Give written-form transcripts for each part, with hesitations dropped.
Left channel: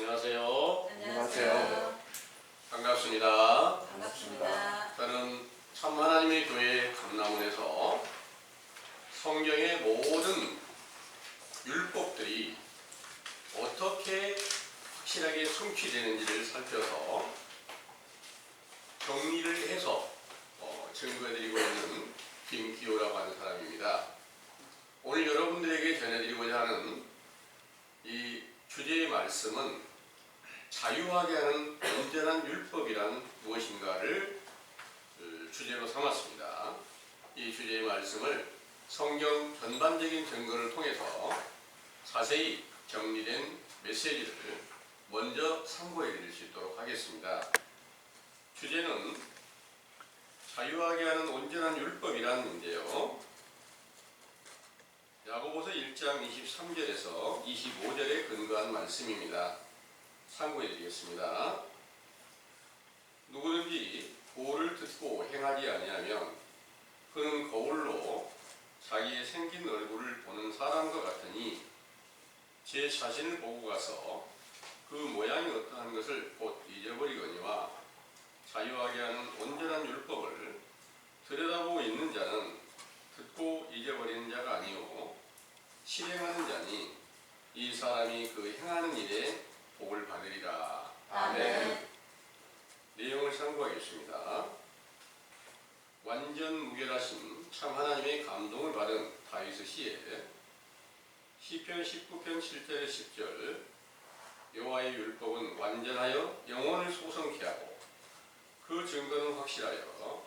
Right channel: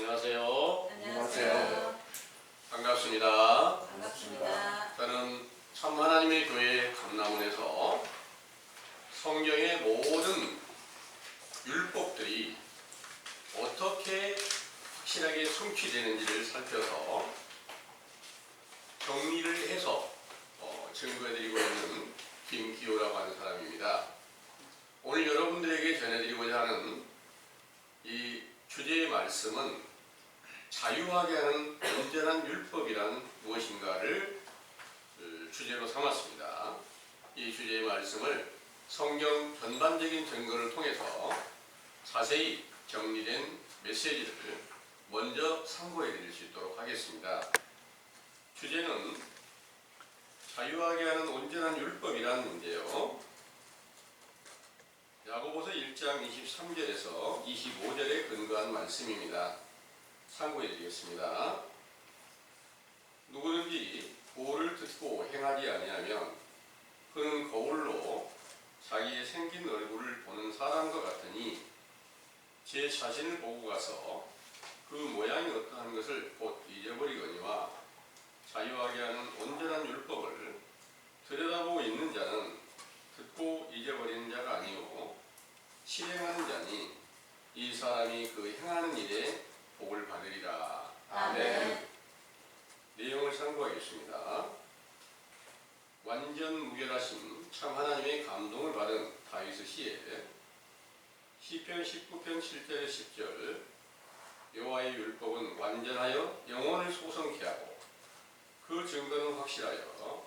안녕하세요. 안녕하세요. 반갑습니다. 반갑습니다. 저는 참 하나님의 교회 감남원에서 성경의 모든 율법들이 어떻게 확실하게 성취되는지를 살펴서 정리를 해서 증거해드리고 있는 김기호라고 하는 사람입니다. 오늘 여러분들에게 전해드리고자 하는 이 주제의 말씀은 자유하게 하는 온전한 율법이란 무엇인가를 주제로 삼았습니다. 이 주제의 말씀을 성경 전반적인 증거를 통해서 자세히 정리된 메시지를 먼저 상고해 드릴 수 있도록 하겠습니다. 주제는 자유하게 하는 온전한 율법이라는데요. 야고보서 1장 23절에서 25절에 근거한 말씀입니다. 참고해 드리겠습니다. 누구든지 보를 듣고 행하지 아니하면 그는 거울로 자기의 생긴 얼굴을 보는 사람과 같으니 제 자신을 보고 가서 그 모양이 어떠한 것을 곧 잊어버리거니와 자유하게 하는 온전한 율법을 들여다보고 있는 자는 듣고 잊어버리는 자가 아니요 실행하는 자니 이 사람이 그 행하는 일에 복을 받으리라. 아멘. 내용을 상고하겠습니다. 완전 무결하신 참 하나님의 감동을 받은 다윗의 시에 시편 19편 7절에 10절 여호와의 율법은 완전하여 영혼을 소성케 하고 그 증거는 확실하여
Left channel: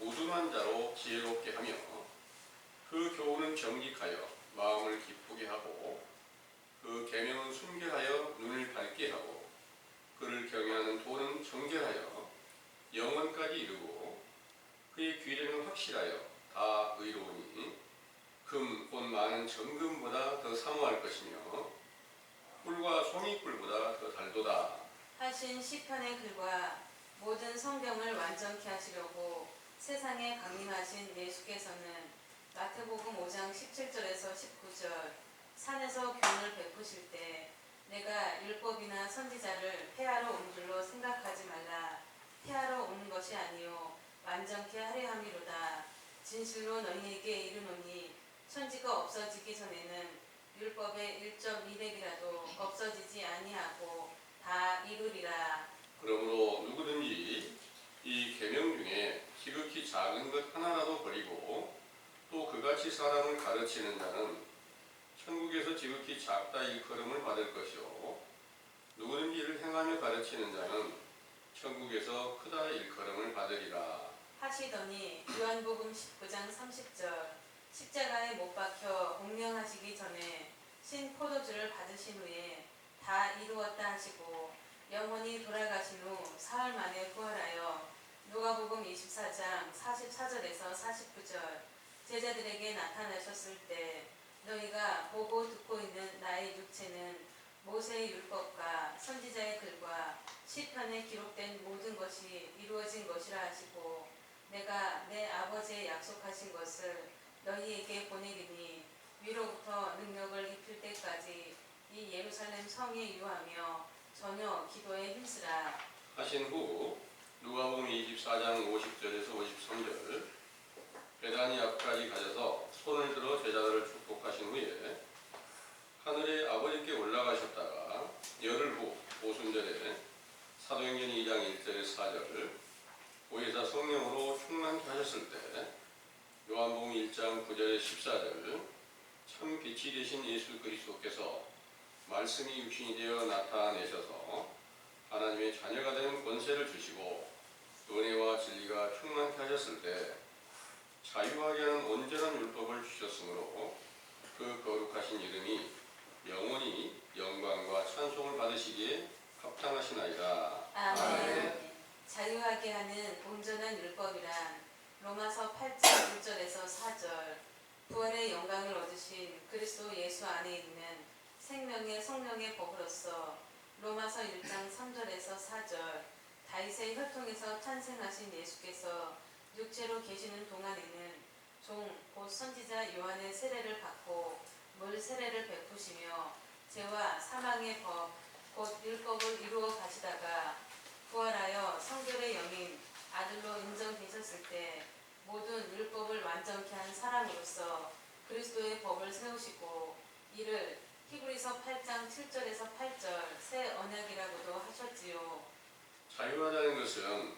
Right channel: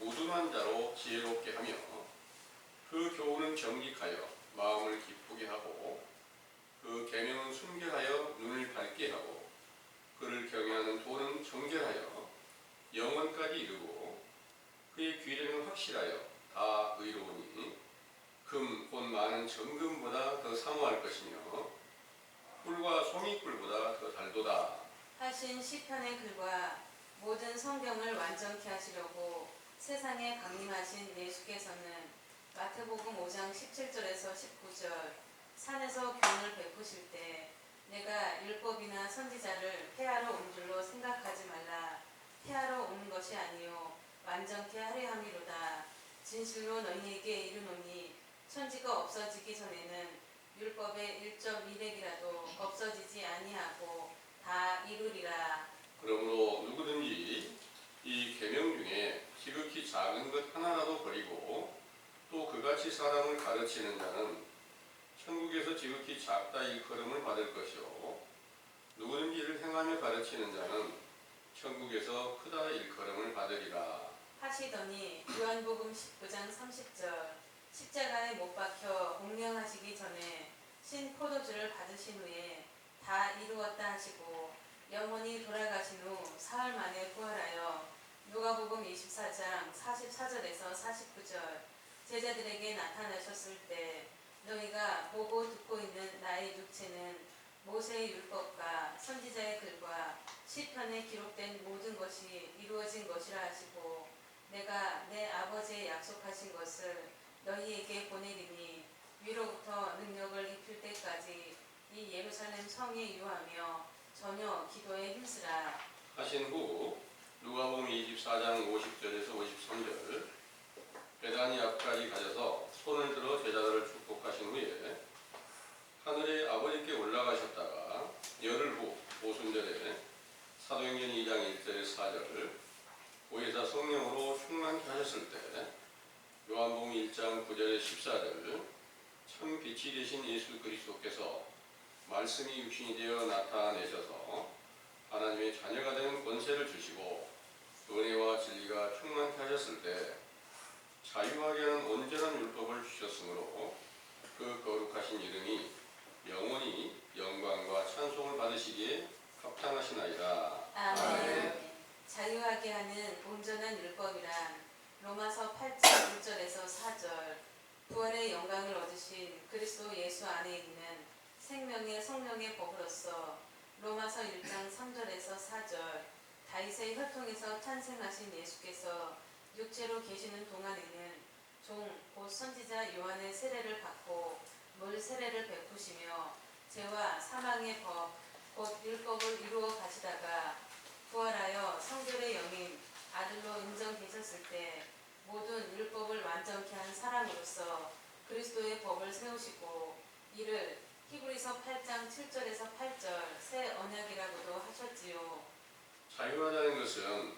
우둔한 자로 지혜롭게 하며 그 교훈은 정직하여 마음을 기쁘게 하고 그 계명은 순결하여 눈을 밝게 하고 그를 경외하는 도는 정결하여 영원까지 이르고 그의 규례는 확실하여 다 의로우니 금 곧 많은 정금보다 더 사모할 것이며 꿀과 송이꿀보다 더 달도다 하신 시편의 글과 모든 성경을 완전케 하시려고 세상에 강림하신 예수께서는 마태복음 5장 17절에서 19절 산에서 교훈을 베푸실 때 내가 율법이나 선지자를 폐하러 온 줄로 생각하지 말라. 폐하러 온 것이 아니요 완전케 하려 함이로다. 진실로 너희에게 이르노니 천지가 없어지기 전에는 율법의 1.2백이라도 없어지지 아니하고 다 이루리라. 그러므로 누구든지 이 계명 중에 지극히 작은 것 하나라도 버리고 또 그같이 사람을 가르치는 자는 천국에서 지극히 작다 일컬음을 받을 것이요 누구든지 이를 행하며 가르치는 자는 천국에서 크다 일컬음을 받으리라 하시더니 요한복음 19장 30절 십자가에 못 박혀 공명하시기 전에 신 포도주를 받으신 후에 다 이루었다 하시고 영원히 돌아가신 후 사흘 만에 부활하여 누가복음 24장 44절에서 49절 제자들에게 나타나셨을 때 너희가 보고 듣고 있는 나의 육체는 모세의 율법과 선지자의 글과 시편에 기록된 모든 것이 이루어진 것이라 하시고 내가 내 아버지의 약속하신 것을 너희에게 보내리니 위로부터 능력을 입힐 때까지 이 예루살렘 성에 유하며 전혀 기도에 힘쓰라 하신 후 누가복음 24장 50절에서 53절 베다니 앞까지 가셔서 손을 들어 제자들을 축복하신 후에 하늘에 아버지께 올라가셨다가 열흘 후 오순절에 사도행전 2장 1절에 4절 보혜사 성령으로 충만케 하셨을 때 요한복음 1장 9절에 14절 참 빛이 되신 예수 그리스도께서 말씀이 육신이 되어 나타내셔서 하나님의 자녀가 되는 권세를 주시고 은혜와 진리가 충만케 하셨을 때 자유하게 하는 온전한 율법을 주셨으므로 그 거룩하신 이름이 영원히 영광과 찬송을 받으시기에 합당하시나이다. 아멘. 자유하게 하는 온전한 율법이란 로마서 8장 1절에서 4절 부활의 영광을 얻으신 그리스도 예수 안에 있는 생명의 성령의 법으로서 로마서 1장 3절에서 4절 다윗의 혈통에서 탄생하신 예수께서 육체로 계시는 동안에는 종 곧 선지자 요한의 세례를 받고 물 세례를 베푸시며 죄와 사망의 법 곧 율법을 이루어 가시다가 부활하여 성결의 영인 아들로 인정되셨을 때 모든 율법을 완전케 한 사람으로서 그리스도의 법을 세우시고 이를 히브리서 8장 7절에서 8절 새 언약이라고도 하셨지요. 자유하다는 것은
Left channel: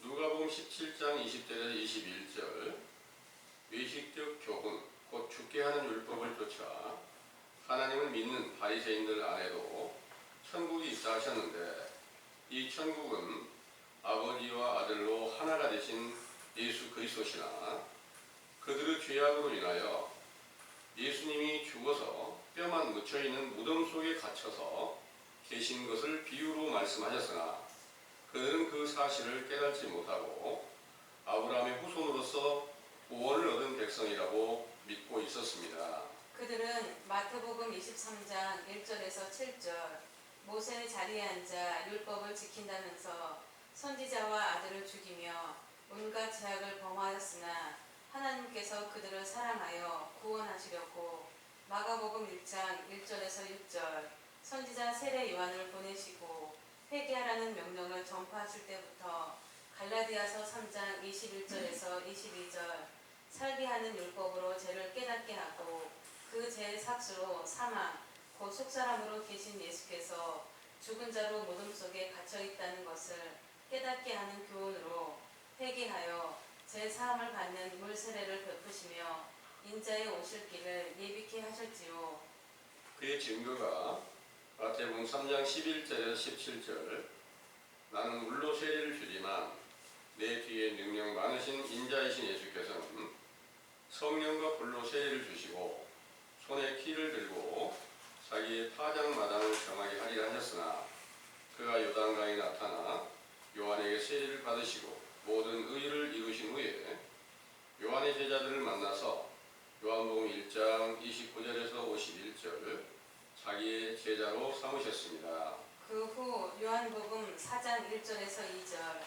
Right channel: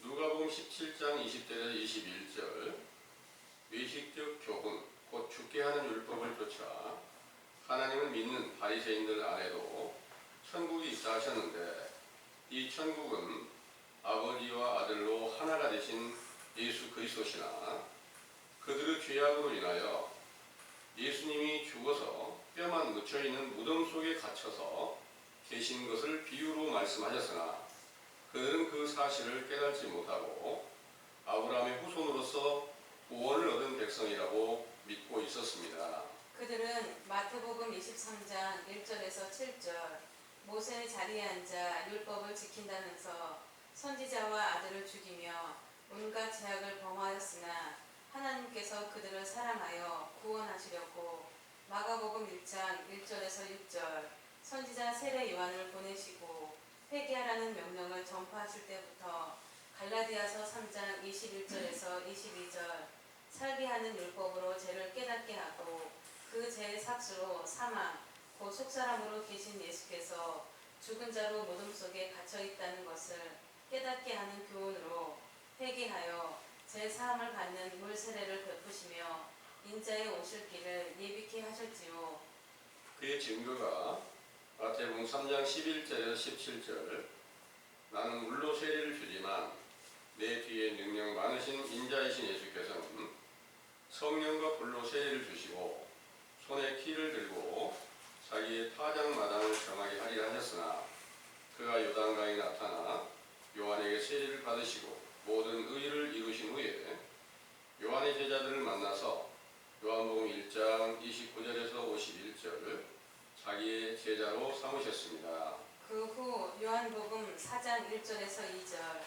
누가복음 17장 20절에서 21절 외식적 교훈 곧 죽게 하는 율법을 쫓아 하나님을 믿는 바리새인들 안에도 천국이 있다 하셨는데 이 천국은 아버지와 아들로 하나가 되신 예수 그리스도시나 그들의 죄악으로 인하여 예수님이 죽어서 뼈만 묻혀있는 무덤 속에 갇혀서 계신 것을 비유로 말씀하셨으나 그들은 그 사실을 깨닫지 못하고 아브라함의 후손으로서 구원을 얻은 백성이라고 믿고 있었습니다. 그들은 마태복음 23장 1절에서 7절 모세의 자리에 앉아 율법을 지킨다면서 선지자와 아들을 죽이며 온갖 죄악을 범하였으나 하나님께서 그들을 사랑하여 구원하시려고 마가복음 1장 1절에서 6절 선지자 세례 요한을 보내시고 회개하라는 명령을 전파하실 때부터 갈라디아서 3장 21절에서 22절 살게 하는 율법으로 죄를 깨닫게 하고 그 죄의 삭수로 사망 곧 속사람으로 계신 예수께서 죽은 자로 무덤 속에 갇혀 있다는 것을 깨닫게 하는 교훈으로 회개하여 제 사함을 받는 물 세례를 베푸시며 인자의 오실 길을 예비케 하셨지요. 그의 증거가 마태복음 3장 11절에서 17절 나는 물로 세례를 주지만 내 뒤에 능력 많으신 인자이신 예수께서는 성령과 불로 세례를 주시고 손에 키를 들고 자기의 타작마당을 정하게 하리라 하셨으나 그가 요단강에 나타나 요한에게 세례를 받으시고 모든 의를 이루신 후에 요한의 제자들을 만나서 요한복음 1장 29절에서 51절 자기의 제자로 삼으셨습니다. 그 후 요한복음 4장 1절에서 2절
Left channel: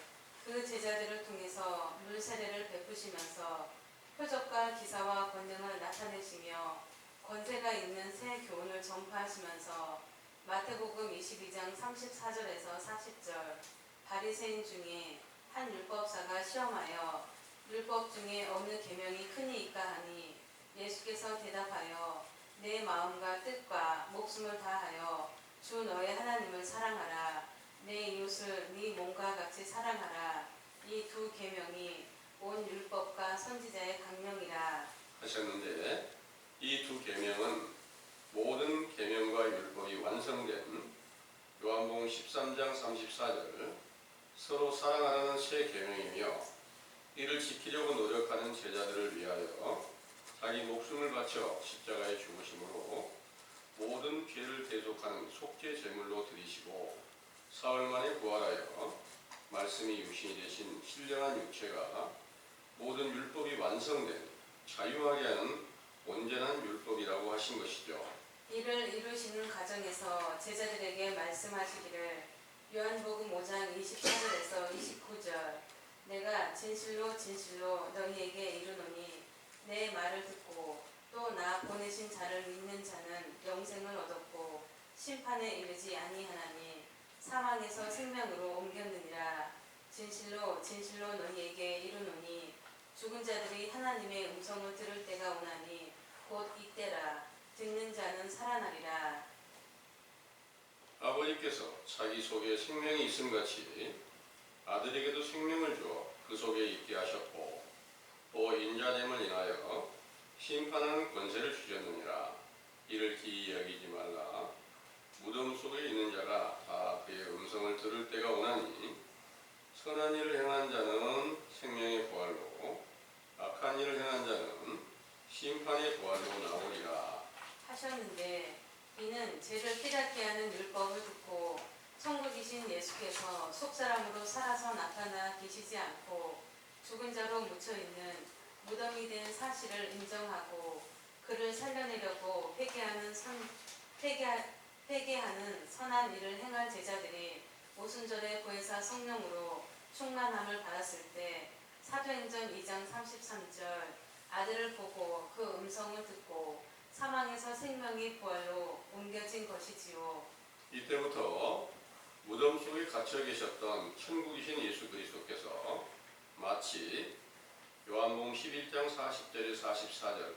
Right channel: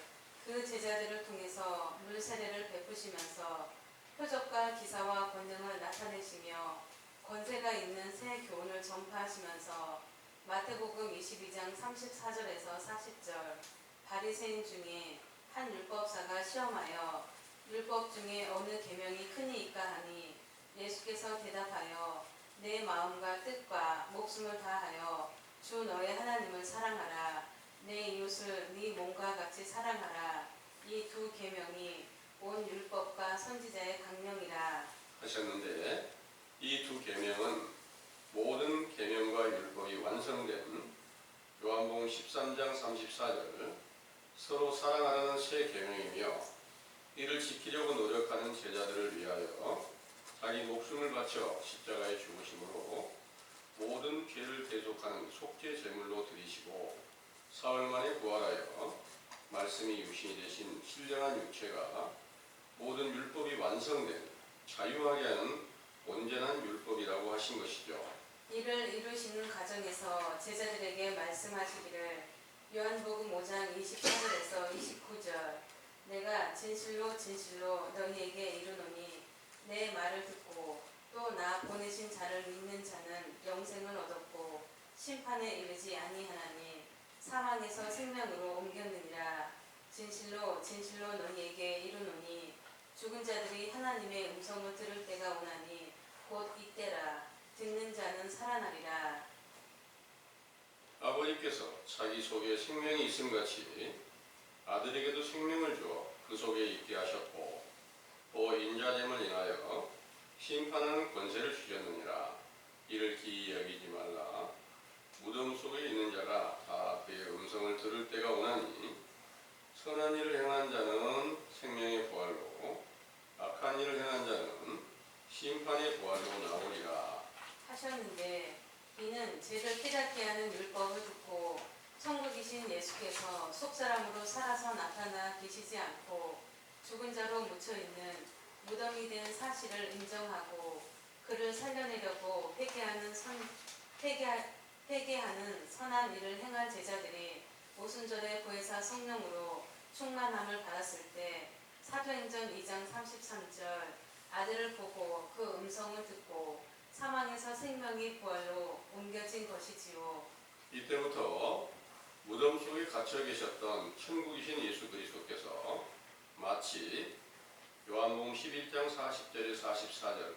그 제자들을 통해서 물 세례를 베푸시면서 표적과 기사와 권능을 나타내시며 권세가 있는 새 교훈을 전파하시면서 마태복음 22장 34절에서 40절 바리새인 중에 한 율법사가 시험하여 율법 중에 어느 계명이 크니이까 하니 예수께서 대답하여 내 마음과 뜻과 목숨을 다하여 주 너의 하나님을 사랑하라 내 이웃을 네 몸과 같이 사랑하라 이 두 계명이 온 율법과 선지자의 강령이라 하셨는데 이 두 계명은 모든 계명과 율법이 완성된 요한복음 13장 34절 서로 사랑하라는 새 계명이며 이를 지키려고 노력하는 제자들을 위하여 자기 목숨을 바쳐 십자가에 죽으심으로 모든 죄를 대속하는 속죄 제물로 드리시고 사흘 만에 부활하여 말씀이 유신이 되신 신령한 육체가 모든 율법이 완성된 자유하게 하는 온전한 율법이라고 하신 것이죠. 이를 이루시는 과정에서 제자들에게 말씀하시기를 요한복음 5장 24절에서 29절 내가 진실로 진실로 너희에게 이르노니 내 말을 듣고 또 나 보내신 자를 믿는 자는 영생을 얻었고 심판에 이르지 아니하나니 사망에서 생명으로 옮겼느니라. 진실로 진실로 너희에게 이르노니 죽은 자들이 하나님의 음성을 들을 때가 오나니 곧 이때라. 듣는 자는 살아나리라. 아버지께서 자기 속에 생명이 있음같이 아들에게도 생명을 주어 그 속에 있게 하셨고 또 인자됨을 인하여 심판하는 권세를 주셨느니라. 이를 기이 여기지 말라. 무덤 속에 있는 자가 다 그의 음성을 들을 때가 오나니 선한 일을 행한 자는 생명의 부활로 악한 일을 행한 자는 심판의 부활로 나오리라 하셨는데 이는 죄를 깨닫게 하는 율법을 듣고 천국이신 예수께서 속사람으로 살아서 나타나 계시지 않고 죽은 자로 묻혀있는 무덤이 된 사실을 인정하고 그를 살려내려고 회개하는 선한 일을 행할 제자들이 오순절에 보혜사 성령으로 충만함을 받았을 때 사도행전 2장 33절 아들을 보고 그 음성을 듣고 사망에서 생명의 부활로 옮겨진 것이지요. 이때부터 무덤 속에 갇혀 계셨던 천국이신 예수 그리스도께서 마치 요한복음 11장 40절에 44절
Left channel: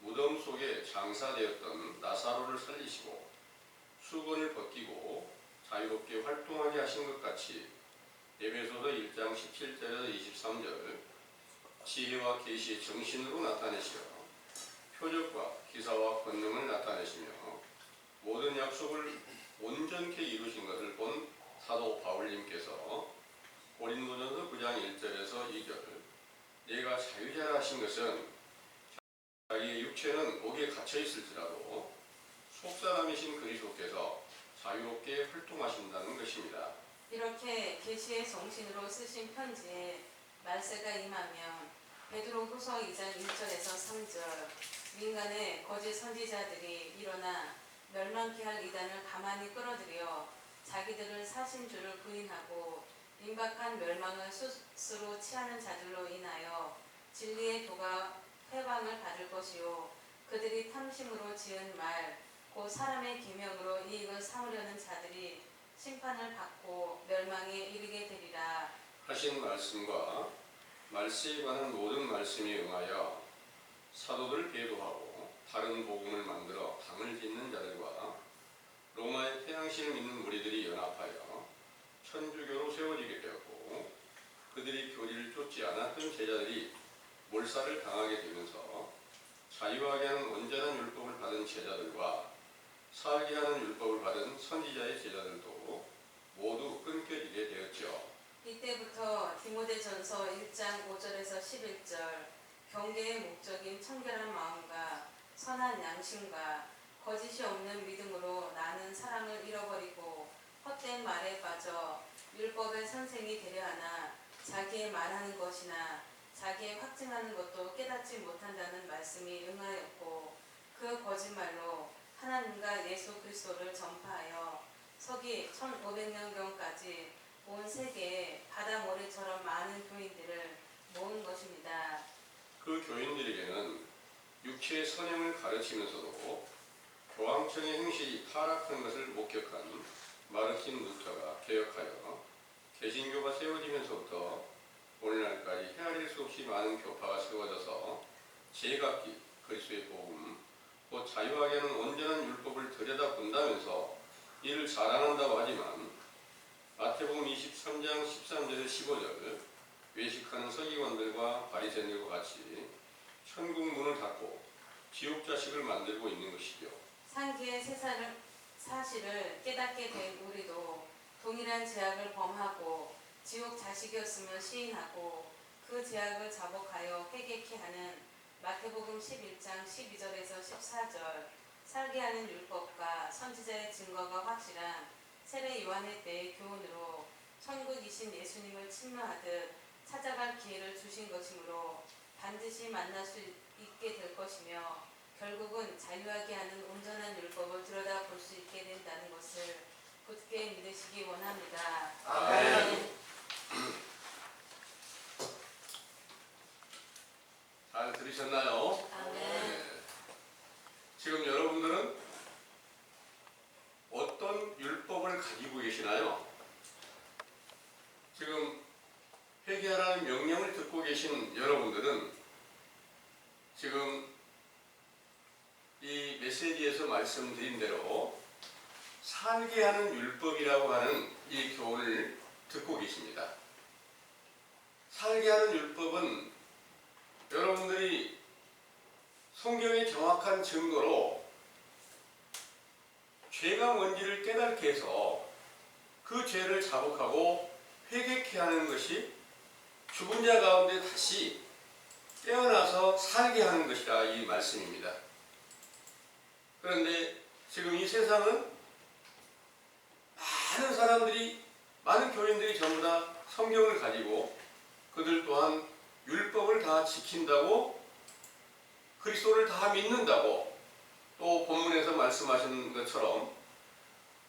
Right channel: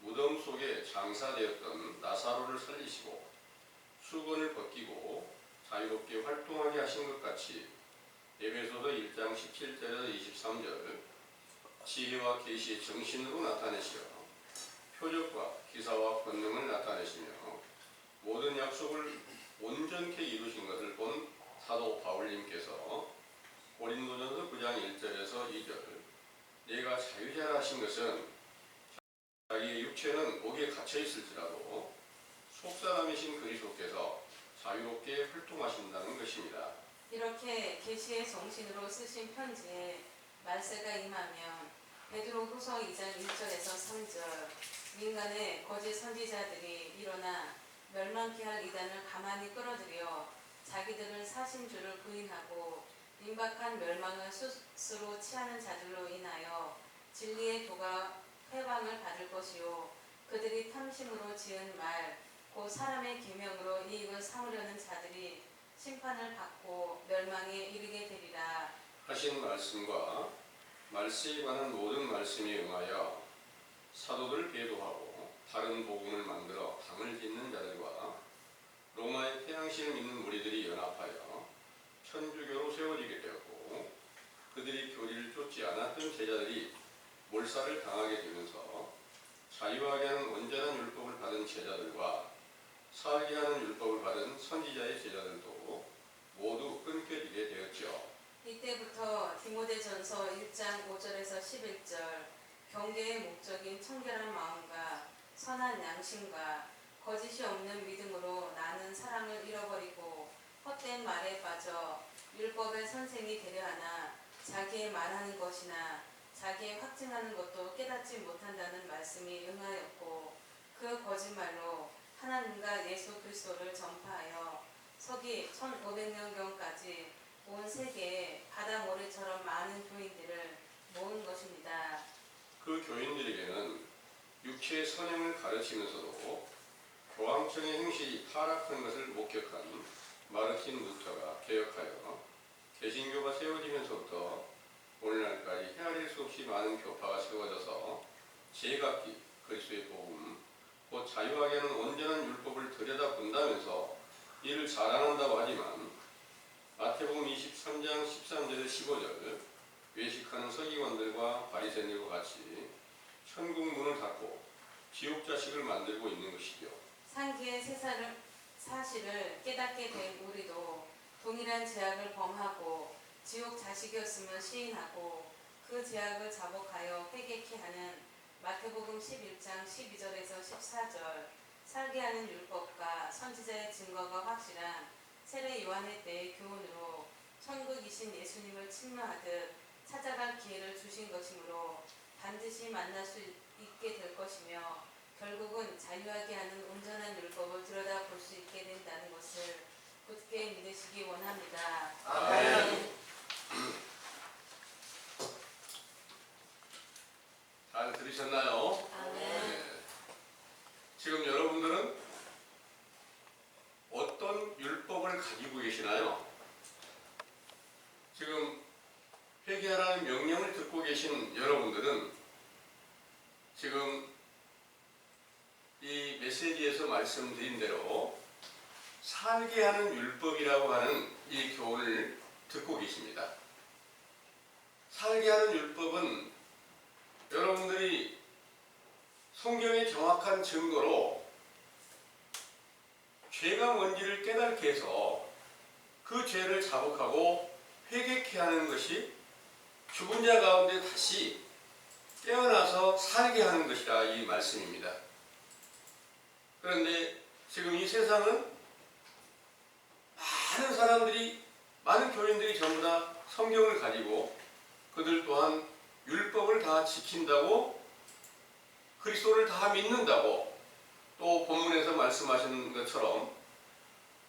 무덤 속에 장사되었던 나사로를 살리시고 수건을 벗기고 자유롭게 활동하게 하신 것 같이 에베소서 1장 17절에서 23절 지혜와 계시의 정신으로 나타내시어 표적과 기사와 권능을 나타내시며 모든 약속을 온전케 이루신 것을 본 사도 바울님께서 고린도전서 9장 1절에서 2절 내가 자유자라 하신 것은 자기의 육체는 옥에 갇혀 있을지라도 속사람이신 그리스도께서 자유롭게 활동하신다는 것입니다. 이렇게 계시의 정신으로 쓰신 편지에 말세가 임하면 베드로후서 2장 1절에서 3절 민간의 거짓 선지자들이 일어나 멸망케 할 이단을 가만히 끌어들여 자기들을 사신 줄을 부인하고 임박한 멸망을 스스로 취하는 자들로 인하여 진리의 도가 회방을 받을 것이요 그들이 탐심으로 지은 말 곧 사람의 계명으로 이익을 삼으려는 자들이 심판을 받고 멸망에 이르게 되리라. 하신 말씀과 말세에 관한 모든 말씀에 응하여 사도들 배도하고 다른 복음을 만들어 당을 짓는 자들과 로마의 태양신을 믿는 무리들이 연합하여 천주교로 세워지게 되었고 그들이 교리를 쫓지 않았던 제자들이 몰살을 당하게 되면서 자유하게 하는 온전한 율법을 받은 제자들과 살게 하는 율법을 받은 선지자의 제자들도 모두 끊겨지게 되었죠. 이때부터 디모데전서 1장 5절에서 11절 경계의 목적인 청결한 마음과 선한 양심과 거짓이 없는 믿음으로 나는 사랑을 잃어버리고 헛된 말에 빠져 율법의 선생이 되려 하나 자기의 말하는 것이나 자기의 확증하는 것도 깨닫지 못한다는 말씀이 응하였고 그 거짓말로 하나님과 예수 그리스도를 전파하여 서기 1500년경까지 온 세계에 바다 모래처럼 많은 교인들을 모은 것입니다. 그 교인들에게는 육체의 선행을 가르치면서도 교황청의 행실이 타락한 것을 목격한 마르틴 루터가 개혁하여 개신교가 세워지면서부터 오늘날까지 헤아릴 수 없이 많은 교파가 세워져서 제각기 그리스도의 복음 곧 자유하게 하는 온전한 율법을 들여다본다면서 이를 자랑한다고 하지만 마태복음 23장 13절에 15절 외식하는 서기관들과 바리새인들과 같이 천국 문을 닫고 지옥 자식을 만들고 있는 것이죠. 상기의 사실을 깨닫게 된 우리도 동일한 죄악을 범하고 지옥 자식이었음을 시인하고 그 죄악을 자복하여 회개케 하는 마태복음 11장 12절에서 14절 살게 하는 율법과 선지자의 증거가 확실한 세례 요한의 때의 교훈으로 천국이신 예수님을 침노하듯 찾아갈 기회를 주신 것이므로 반드시 만날 수 있게 될 것이며 결국은 자유하게 하는 온전한 율법을 들여다볼 수 있게 된다는 것을 굳게 믿으시기 원합니다. 아멘. 잘 들으셨나요? 아멘. 네. 지금 여러분들은 어떤 율법을 가지고 계시나요? 지금 회개하라는 명령을 듣고 계신 여러분들은 지금 이 메시지에서 말씀드린 대로 살게 하는 율법이라고 하는 이 교훈을 듣고 계십니다. 살게 하는 율법은 여러분들이 성경의 정확한 증거로 죄가 뭔지를 깨닫게 해서 그 죄를 자복하고 회개케 하는 것이 죽은 자 가운데 다시 깨어나서 살게 하는 것이라 이 말씀입니다. 그런데 지금 이 세상은 많은 사람들이, 많은 교인들이 전부 다 성경을 가지고 그들 또한 율법을 다 지킨다고, 그리스도를 다 믿는다고, 또 본문에서 말씀하신 것처럼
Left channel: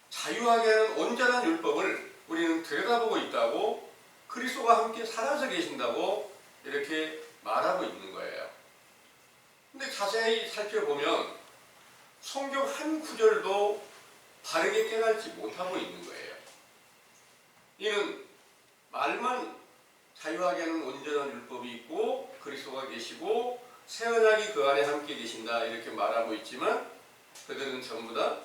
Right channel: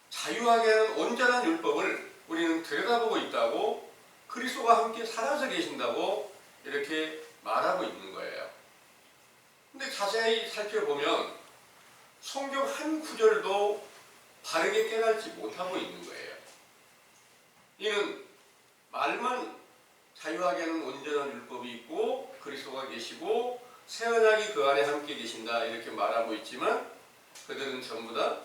자유하게 하는 온전한 율법을 우리는 들여다보고 있다고, 그리스도가 함께 살아서 계신다고 이렇게 말하고 있는 거예요. 근데 자세히 살펴보면 성경 한 구절도 바르게 깨달지 못하고 있는 거예요. 이는 말만 자유하게 하는 온전한 율법이 있고 그리스도가 계시고 새 언약이 그 안에 함께 계신다 이렇게 말하고 있지만 그들은 전부 다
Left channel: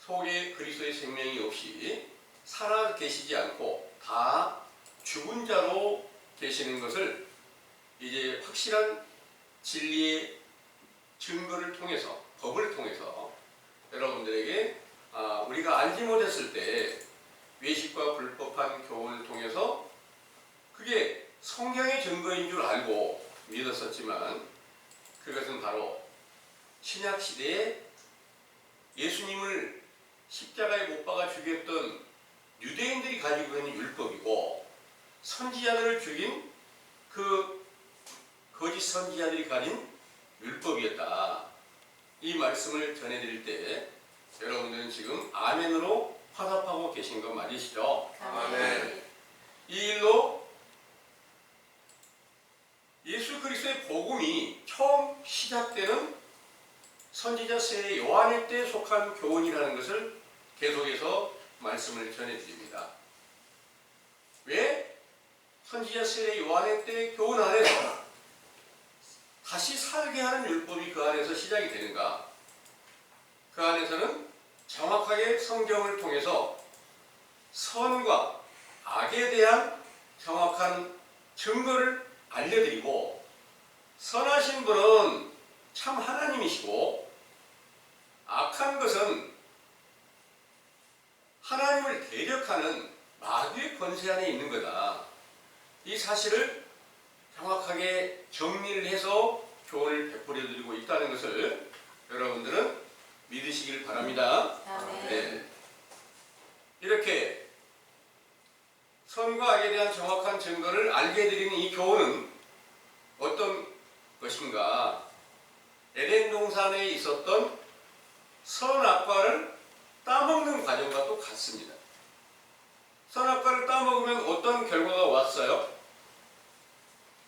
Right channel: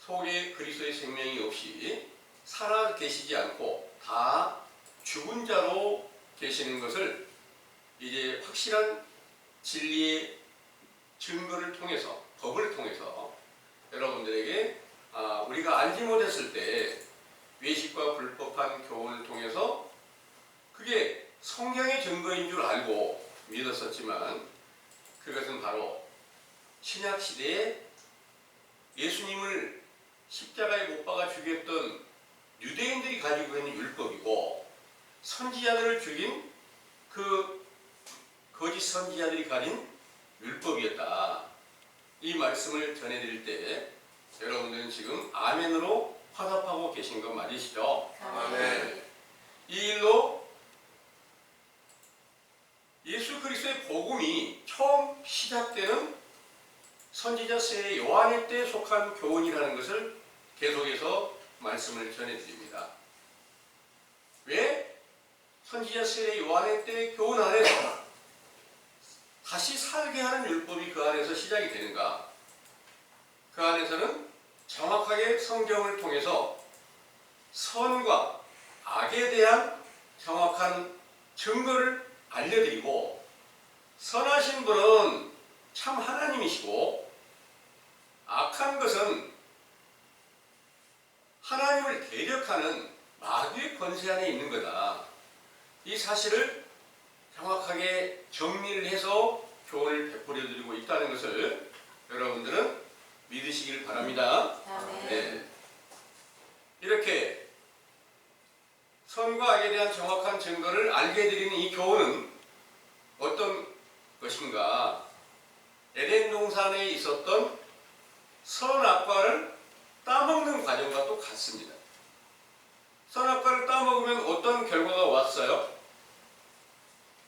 속에 그리스도의 생명이 없이 살아 계시지 않고 다 죽은 자로 계시는 것을 이제 확실한 진리의 증거를 통해서 법을 통해서 여러분들에게 우리가 알지 못했을 때 외식과 불법한 교훈을 통해서 그게 성경의 증거인 줄 알고 믿었었지만 그것은 바로 신약 시대에 예수님을 십자가에 못 박아 죽였던 유대인들이 가지고 있는 율법이고 선지자들을 죽인 그 거짓 선지자들이 가진 율법이었다. 이 말씀을 전해드릴 때 여러분들은 지금 아멘으로 화답하고 계신 거 맞으시죠? 아멘. 이 일로 예수 그리스도의 복음이 처음 시작되는 선지자 세례 요한의 때 속한 교훈이라는 것을 계속해서 말씀을 전해드립니다. 왜 선지자 세례 요한의 때 교훈 안에서 다시 살게 하는 율법이 그 안에서 시작이 되는가? 그 안에서는 정확하게 성경을 통해서 선과 악에 대한 정확한 증거를 알려드리고 선하신 분은 참 하나님이시고 악한 것은 하나님을 대적하는 마귀의 권세 안에 있는 거다. 이 사실을 정확하게 정리를 해서 교훈을 베풀어 드리고 있다는 것을 여러분들은 믿으시길 바랍니다. 아멘. 네. 이렇게 선과 악에 대한 정확한 증거를 알게 해드리는 이 교훈은 어떤 것인가? 에덴 동산에 있었던 선악과를 따먹는 과정과 똑같습니다. 선악과를 따먹으면 어떤 결과가 왔어요?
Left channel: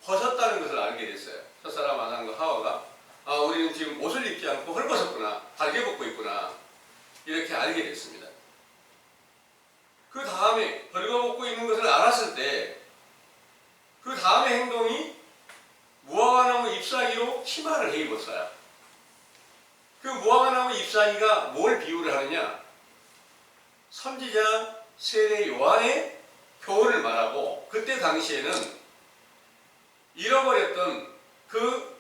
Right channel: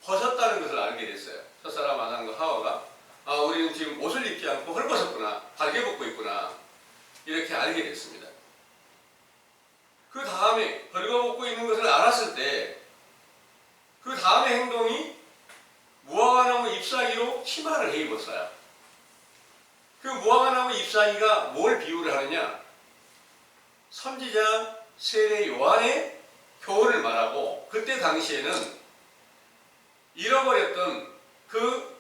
벗었다는 것을 알게 됐어요. 첫사람 아담과 하와가 우리는 지금 옷을 입지 않고 헐벗었구나, 달게 벗고 있구나 이렇게 알게 됐습니다. 그 다음에 벌거벗고 있는 것을 알았을 때 그 다음의 행동이 무화과나무 잎사귀로 치마를 해 입었어요. 그 무화과나무 잎사귀가 뭘 비유를 하느냐? 선지자 세례 요한의 교훈을 말하고 그때 당시에는 잃어버렸던 그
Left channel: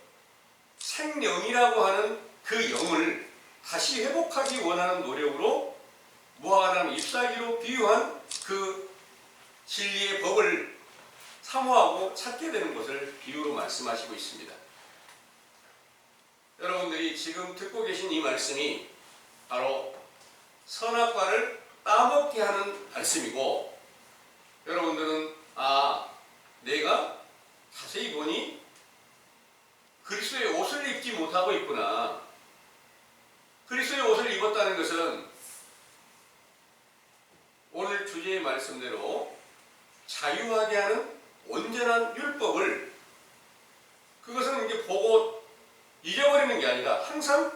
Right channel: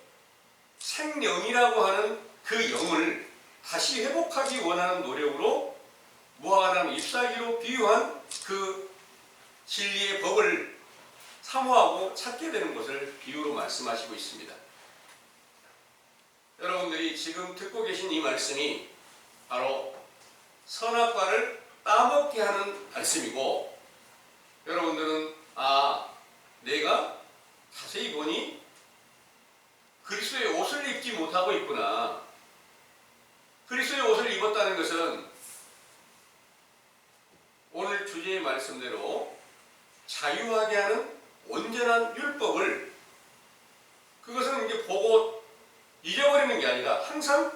생명이라고 하는 그 영을 다시 회복하기 원하는 노력으로 무화과나무 잎사귀로 비유한 그 진리의 법을 사모하고 찾게 되는 것을 비유로 말씀하시고 있습니다. 여러분들이 지금 듣고 계신 이 말씀이 바로 선악과를 따먹게 하는 말씀이고 여러분들은 내가 자세히 보니 그리스도의 옷을 입지 못하고 있구나. 그리스도의 옷을 입었다는 것은 오늘 주제의 말씀대로 자유하게 하는 온전한 율법을 그것은 이제 보고 잊어버리는 게 아니라 항상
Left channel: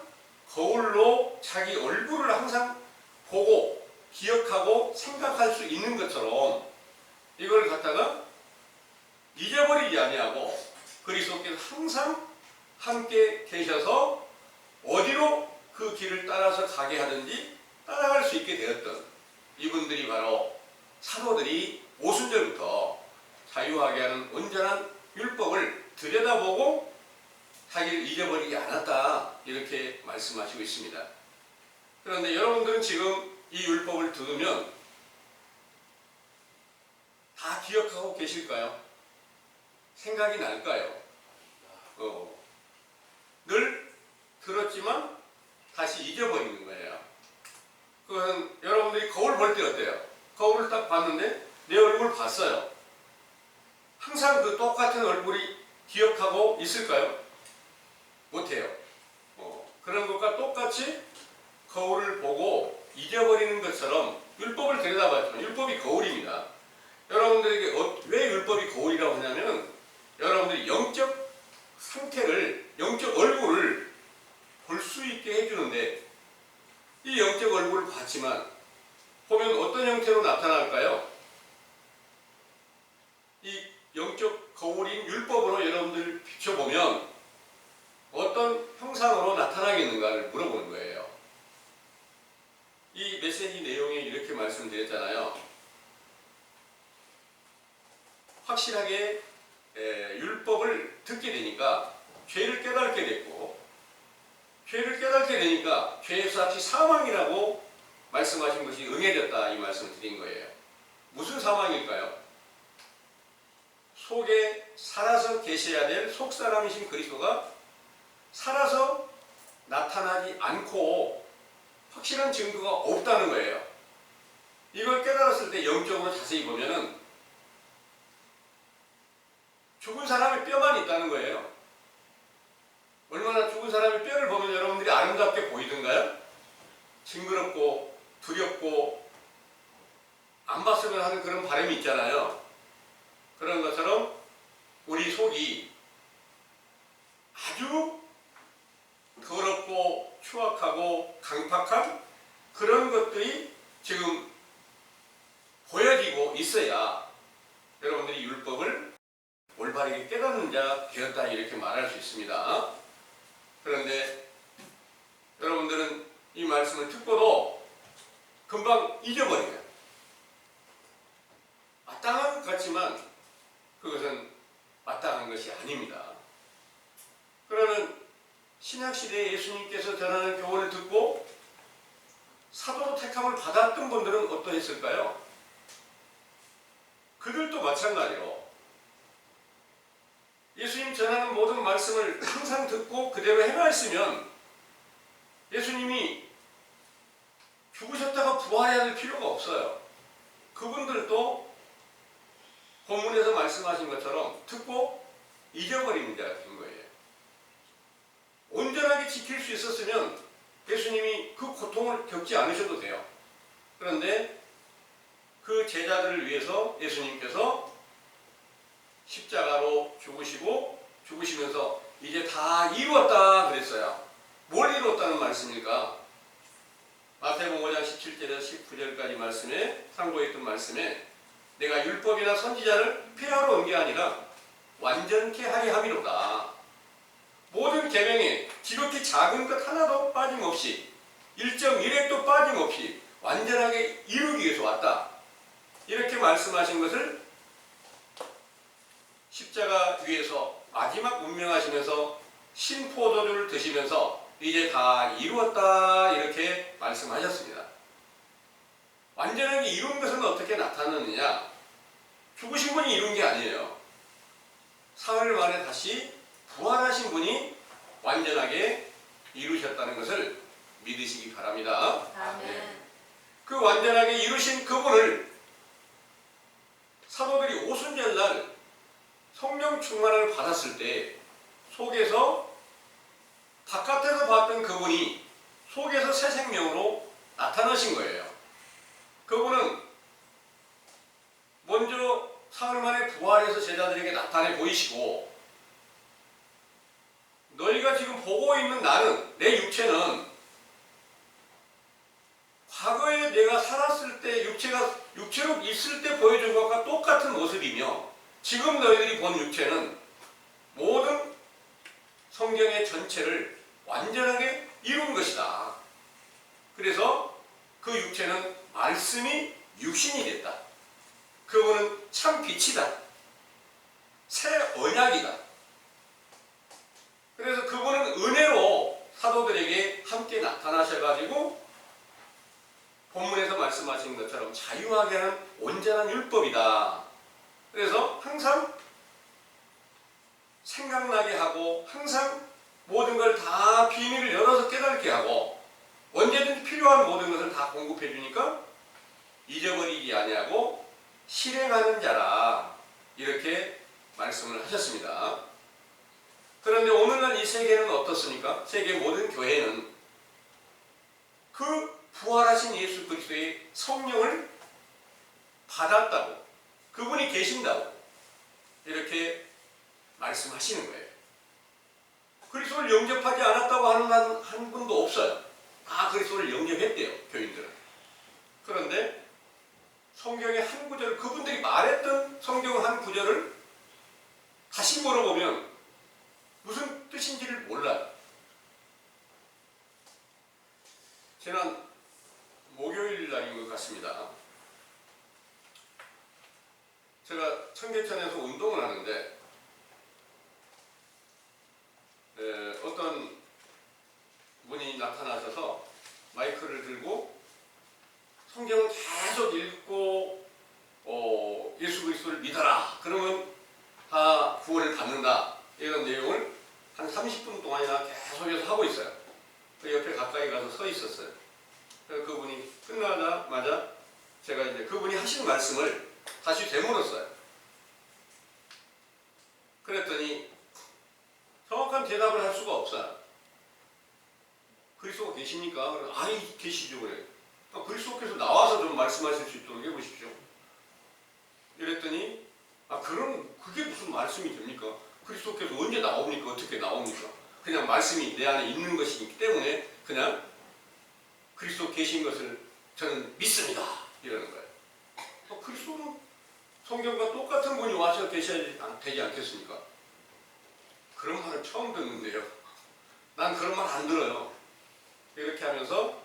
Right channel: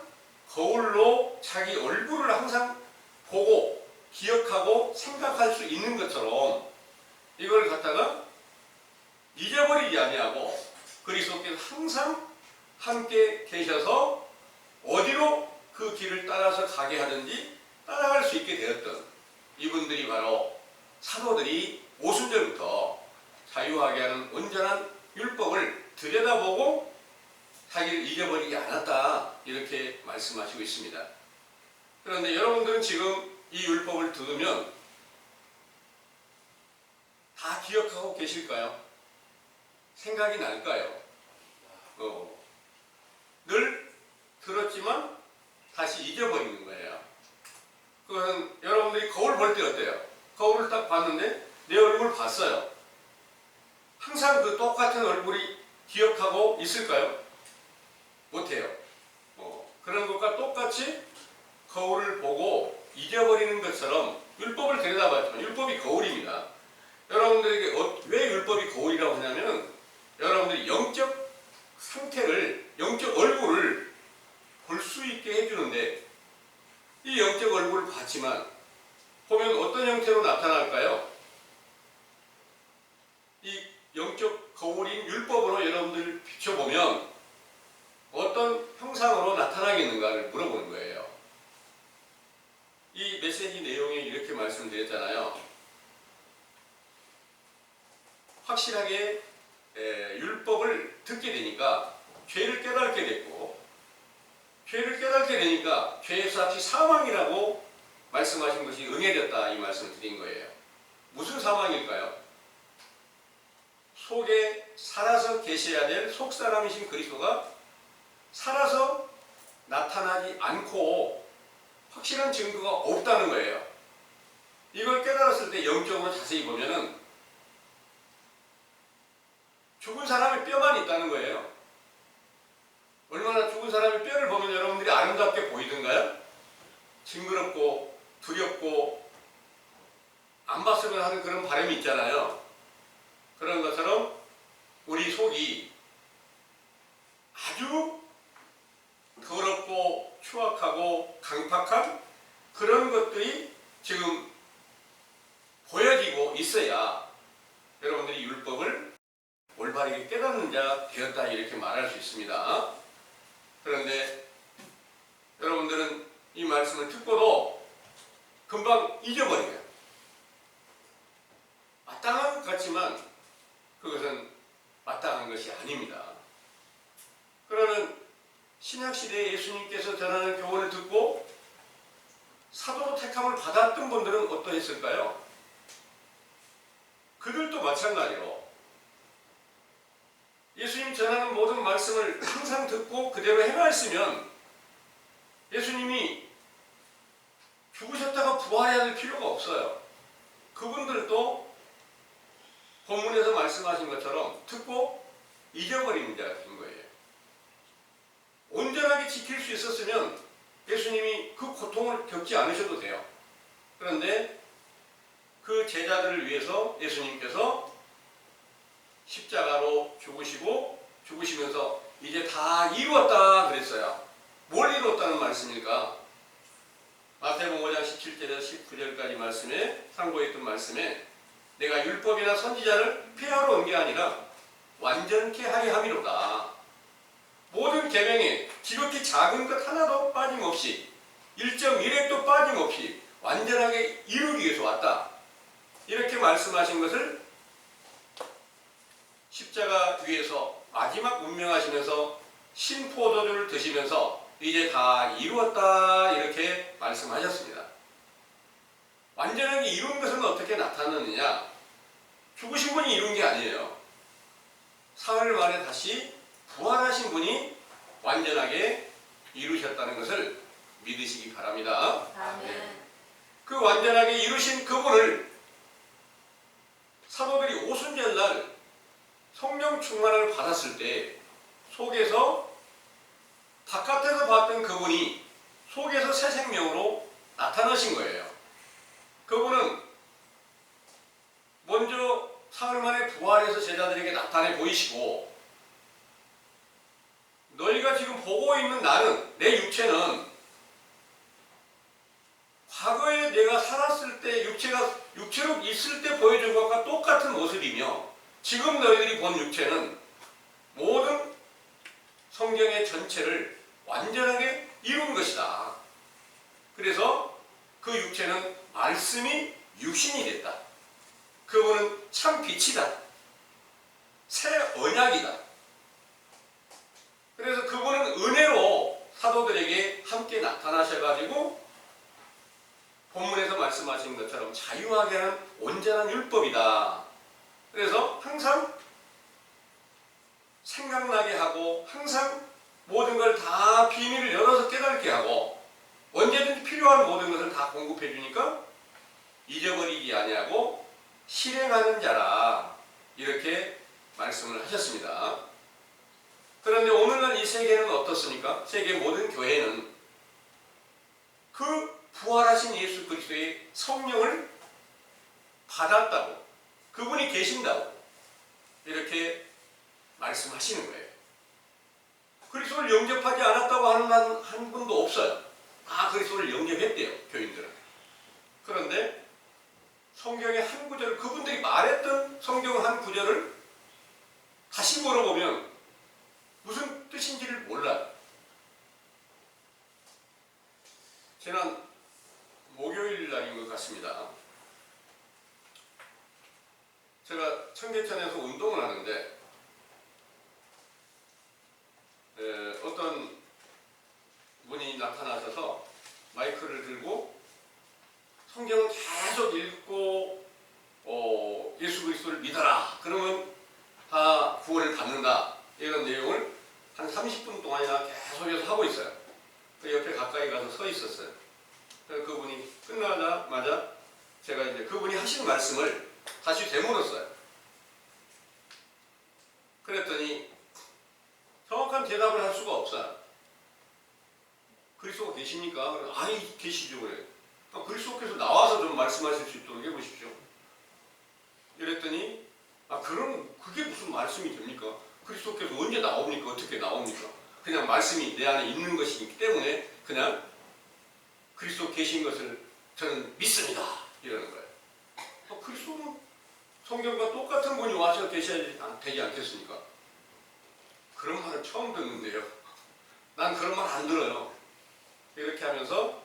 거울로 자기 얼굴을 항상 보고 기억하고 생각할 수 있는 것처럼 이걸 갖다가 잊어버리지 아니하고 그리스도께서 항상 함께 계셔서 어디로 그 길을 따라서 가게 하든지 따라갈 수 있게 되었던 이분들이 바로 사도들이 오순절부터 자유하게 하는 온전한 율법을 들여다보고 자기를 잊어버리지 않았다 이렇게 말씀하시고 있습니다. 그런데 여러분들은 지금 이 율법을 들으면 다 기억하고 계실까요? 생각이 날까요? 늘 들었지만 다시 잊어버리는 거예요. 그건 여러분들이 거울 볼 때 어때요? 거울을 딱 봤는데 내 얼굴 봤어요. 항상 그 똑같은 얼굴이 기억하고 있을까요? 못해요. 그런 것과 똑같이 거울을 보고 잊어버리는 것처럼 율법을 들여다봤죠. 율법이 거울입니다. 여러분들에게 왜 율법이 거울이라고 하냐면 여러분들이 영적 상태를, 영적 얼굴을 볼 수 있게 해주는데 이 영적 얼굴을 같지만 보면 어떤 형태로 나타날까요? 이 영적 거울인 율법으로 여러분들 비춰보면 어떤 형상으로 나타나겠는가를 물어보는 거예요. 이 메시지 내용에 이렇게 말씀드렸잖아요. 확실하게 율법을 듣게 되니까 죄를 깨닫게 됐고, 죄를 깨닫게 되니까 죄의 삭이 사망이라고 말씀하신 것이 응해졌다, 이 말씀을 드린 거예요. 무슨 사망일까요? 속에 살아서 계셔야 될 속사람이신 그리스도가 살아서 나타나지 않고 확실한 증거가 없다는 거예요. 이걸 깨달았을 때 영적으로 자세히 보면은 죽은 사람의 뼈만 있다는 거예요. 얼마나 죽은 사람의 뼈를 보면 여러분들이 아름답게 보이던가요? 징그럽고 두렵고 안 봤으면 하는 그런 바람이 있잖아요. 그런 것처럼 우리 속이 아주 더럽고 추악하고 강팍한 그런 것들이 지금 보여지고 있어야 여러분들이 율법을 올바르게 깨닫는 자 되었다, 이렇게 말할 수 있습니다. 그런데 여러분들은 이 말씀을 듣고도 금방 잊어버려요. 마땅한 것 같지만 그것은 마땅한 것이 아닙니다. 그러면 신약시대에 예수님께서 전하는 교훈을 듣고 사도로 택함을 받았던 분들은 어떠했을까요? 그들도 마찬가지로 예수님 전하는 모든 말씀을 항상 듣고 그대로 행하였으면 예수님이 죽으셨다가 부활해야 될 필요가 없어요. 그분들도 본문에서 말씀하신 것처럼 듣고 잊어버리는 자가 된 거예요. 온전하게 지킬 수 있었으면 예수님이 그 고통을 겪지 않으셔도 돼요. 그런데 그 제자들을 위해서 예수님께서 십자가로 죽으시고 죽으시면서 이제 다 이루었다 그랬어요. 뭘 이루었다는 말씀일까? 마태복음 5장 17절에서 19절까지 말씀에 상고했던 말씀에 내가 율법이나 선지자를 폐하러 온 게 아니라 완전케 하려 함이로다. 모든 계명에 지극히 작은 것 하나도 빠짐없이 일정 일획도 빠짐없이 완전하게 이루기 위해서 왔다. 이렇게 말씀하신 것을 십자가 위에서 마지막 운명하시면서 신포도주를 드시면서 이제 다 이루었다, 이렇게 말씀하셨습니다. 완전하게 이룬 것은 어떻게 나타났느냐? 죽으신 분이 이룬 게 아니에요. 사흘 만에 다시 부활하신 분이 완전하게 이루셨다는 것을 믿으시기 바랍니다. 아멘. 그 완전하게 이루신 그분을 사도들이 오순절날 성령 충만을 받았을 때 속에서 바깥에서 봤던 그분이 속에서 새 생명으로 나타나신 거예요. 그분은 먼저 사흘 만에 부활해서 제자들에게 나타내 보이시고, 너희가 지금 보고 있는 나는, 내 육체는 과거에 내가 살았을 때 육체로 있을 때 보여준 것과 똑같은 모습이며, 지금 너희들이 본 육체는 모든 성경의 전체를 완전하게 이룬 것이다. 그래서 그 육체는 말씀이 육신이 됐다. 그분은 참 빛이다. 새 언약이다. 그래서 그분은 은혜로 사도들에게 함께 나타나셔가지고 본문에서 말씀하신 것처럼 자유하게 하는 온전한 율법이다. 그래서 항상 생각나게 하고 항상 모든 걸 다 비밀을 열어서 깨닫게 하고 언제든지 필요한 모든 것을 다 공급해 주니까 잊어버리지 아니하고 실행하는 자라, 이렇게 말씀을 하셨습니다. 그런데 오늘날 이 세계는 어떻습니까? 세계 모든 교회는 그 부활하신 예수 그리스도의 성령을 받았다고, 그분이 계신다고 이렇게 말씀하시는 거예요. 그리스도를 영접하지 않았다고 하는 한 분도 없어요. 다 그리스도를 영접했대요, 교인들은. 지난 목요일 날인 것 같습니다. 제가 청계천에서 운동을 하는데 어떤 분이 나타나셔서 마이크를 들고 성경을 계속 읽고 예수 그리스도를 믿어라. 그러면 다 구원을 받는다. 이런 내용을 한 30분 동안이나 계속해서 하고 있어요. 그 옆에 가까이 가서 서 있었어요. 그래서 그분이 끝나자마자 제가 이제 그분이 하신 말씀을 다시 되물었어요. 그랬더니 정확한 대답을 할 수가 없어요. 그리스도가 계십니까? 아니 계시죠. 그래. 그리스도께서 나와서 좀 말씀하실 수 있도록 해보십시오. 이랬더니 그럼 그게 무슨 말씀이 됩니까? 그리스도께서 언제 나옵니까? 어떻게 나옵니까? 그냥 말씀이 내 안에 있는 것이기 때문에 그냥 그리스도 계신 것을 저는 믿습니다. 이러는 거예요. 그리스도는 성경과 똑같은 분이 와서 계셔야 되지 않겠습니까? 그런 말을 처음 듣는데요. 난 그런 말 안 들어요. 이렇게 하면서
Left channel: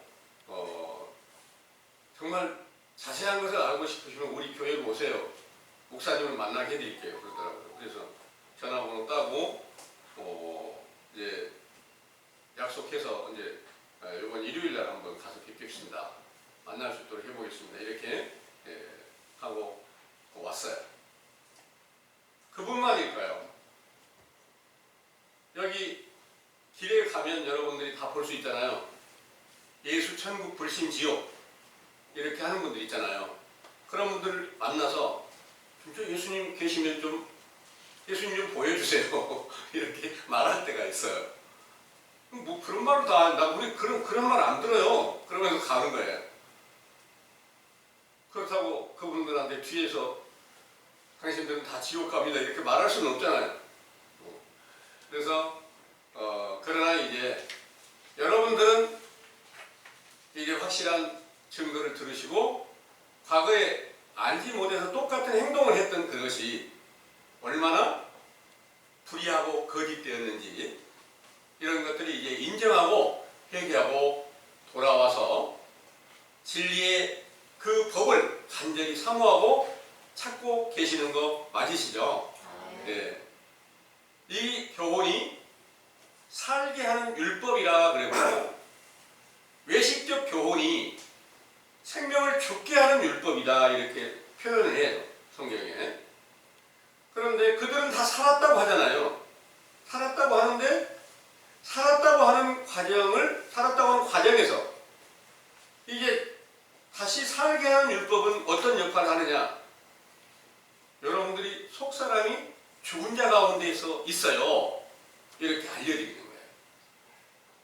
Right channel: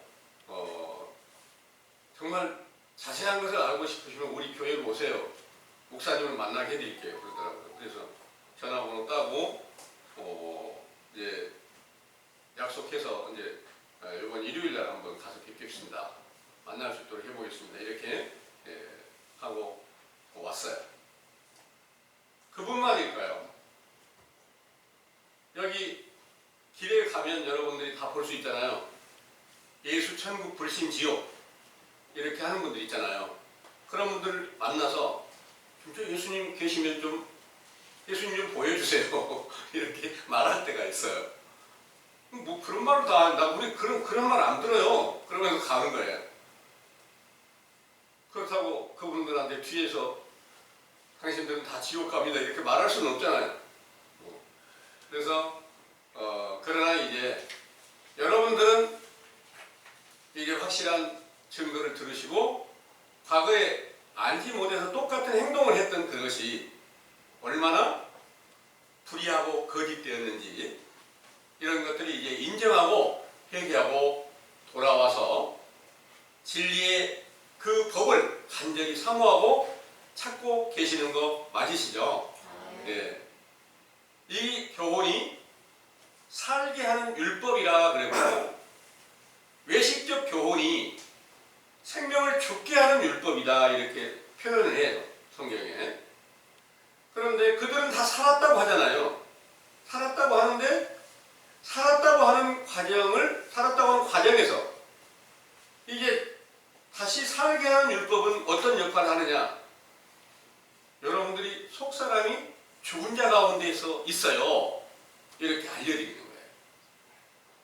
정말 자세한 것을 알고 싶으시면 우리 교회로 오세요. 목사님을 만나게 해드릴게요. 그러더라고요. 그래서 전화번호 따고 이제 약속해서 이제 이번 일요일날 한번 가서 뵙겠습니다. 만날 수 있도록 해보겠습니다. 이렇게 하고 왔어요. 그분만일까요? 여기 길에 가면 여러분들이 다 볼 수 있잖아요. 예수 천국 불신 지옥 이렇게 하는 분들 있잖아요. 그런 분들 만나서 진짜 예수님 계시면 좀 예수님 좀 보여주세요. 이렇게 말할 때가 있어요. 뭐 그런 말을 다 한다. 우리 그런 말 안 들어요. 그러면서 가는 거예요. 그렇다고 그분들한테 뒤에서 당신들은 다 지옥 갑니다 이렇게 말할 수는 없잖아요. 그래서 그러나 이제 여러분들은 이제 확실한 증거를 들으시고 과거에 알지 못해서 똑같은 행동을 했던 그것이 얼마나 불의하고 거짓되었는지 이런 것들이 이제 인정하고 회개하고 돌아와서 진리의 그 법을 간절히 사모하고 찾고 계시는 거 맞으시죠? 네. 이 교훈이 살게 하는 율법이라 그랬고 외식적 교훈이 생명을 죽게 하는 율법이다 이렇게 표현을 해요. 성경에. 그런데 그들은 다 살았다고 하잖아요. 살았다고 하는데 살았다고 하는 과정에서 이제 다시 살게 하는 율법은 어떤 역할을 하느냐? 여러분들이 속사람이 죽은 자 가운데에서 있어요. 이렇게 알려드리는 거예요.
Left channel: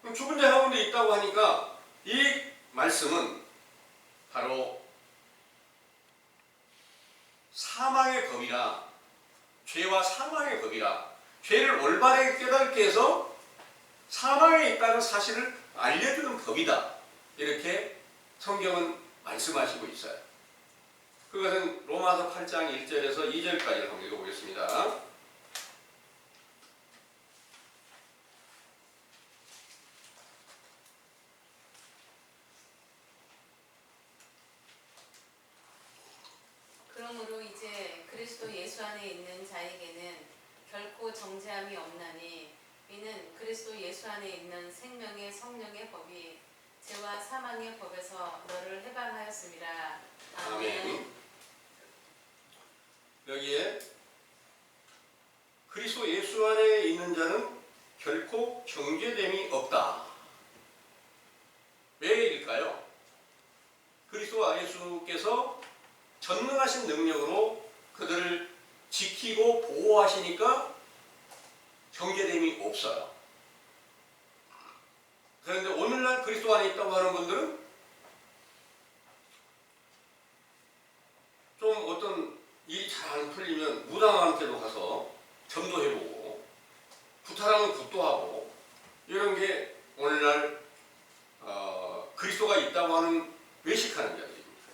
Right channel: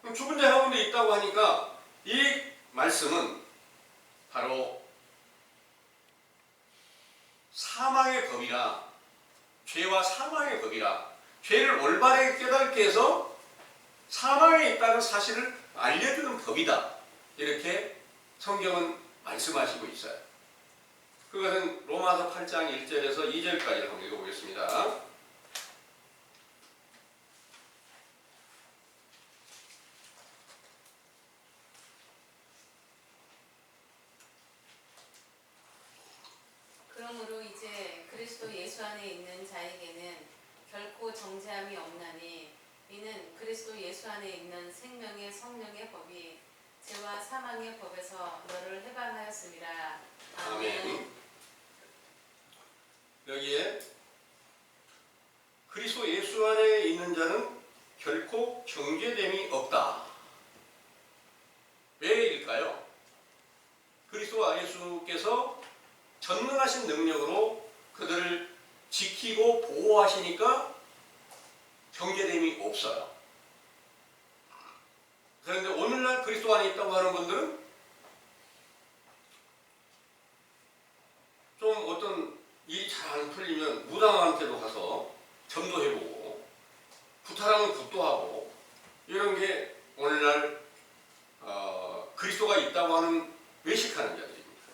그럼 죽은 자 가운데 있다고 하니까 이 말씀은 바로 사망의 법이라 죄와 사망의 법이라 죄를 올바르게 깨닫게 해서 사망에 있다는 사실을 알려주는 법이다. 이렇게 성경은 말씀하시고 있어요. 그것은 로마서 8장 1절에서 2절까지 한번 읽어보겠습니다. 그러므로 이제 그리스도 예수 안에 있는 자에게는 결코 정죄함이 없나니 이는 그리스도 예수 안에 있는 생명의 성령의 법이 죄와 사망의 법에서 너를 해방하였습니다. 아멘. 여기에 그리스도 예수 안에 있는 자는 결코 정죄됨이 없다. 왜일까요? 그리스도 예수께서 전능하신 능력으로 그들을 지키고 보호하시니까 정죄됨이 없어요. 그런데 오늘날 그리스도 안에 있다고 하는 분들은 좀 어떤 일이 잘 안 풀리면 무당한테도 가서 전도해보고 구타라면 굿도하고 이런 게 오늘날 그리스도가 있다고 하는 외식하는 자들입니다.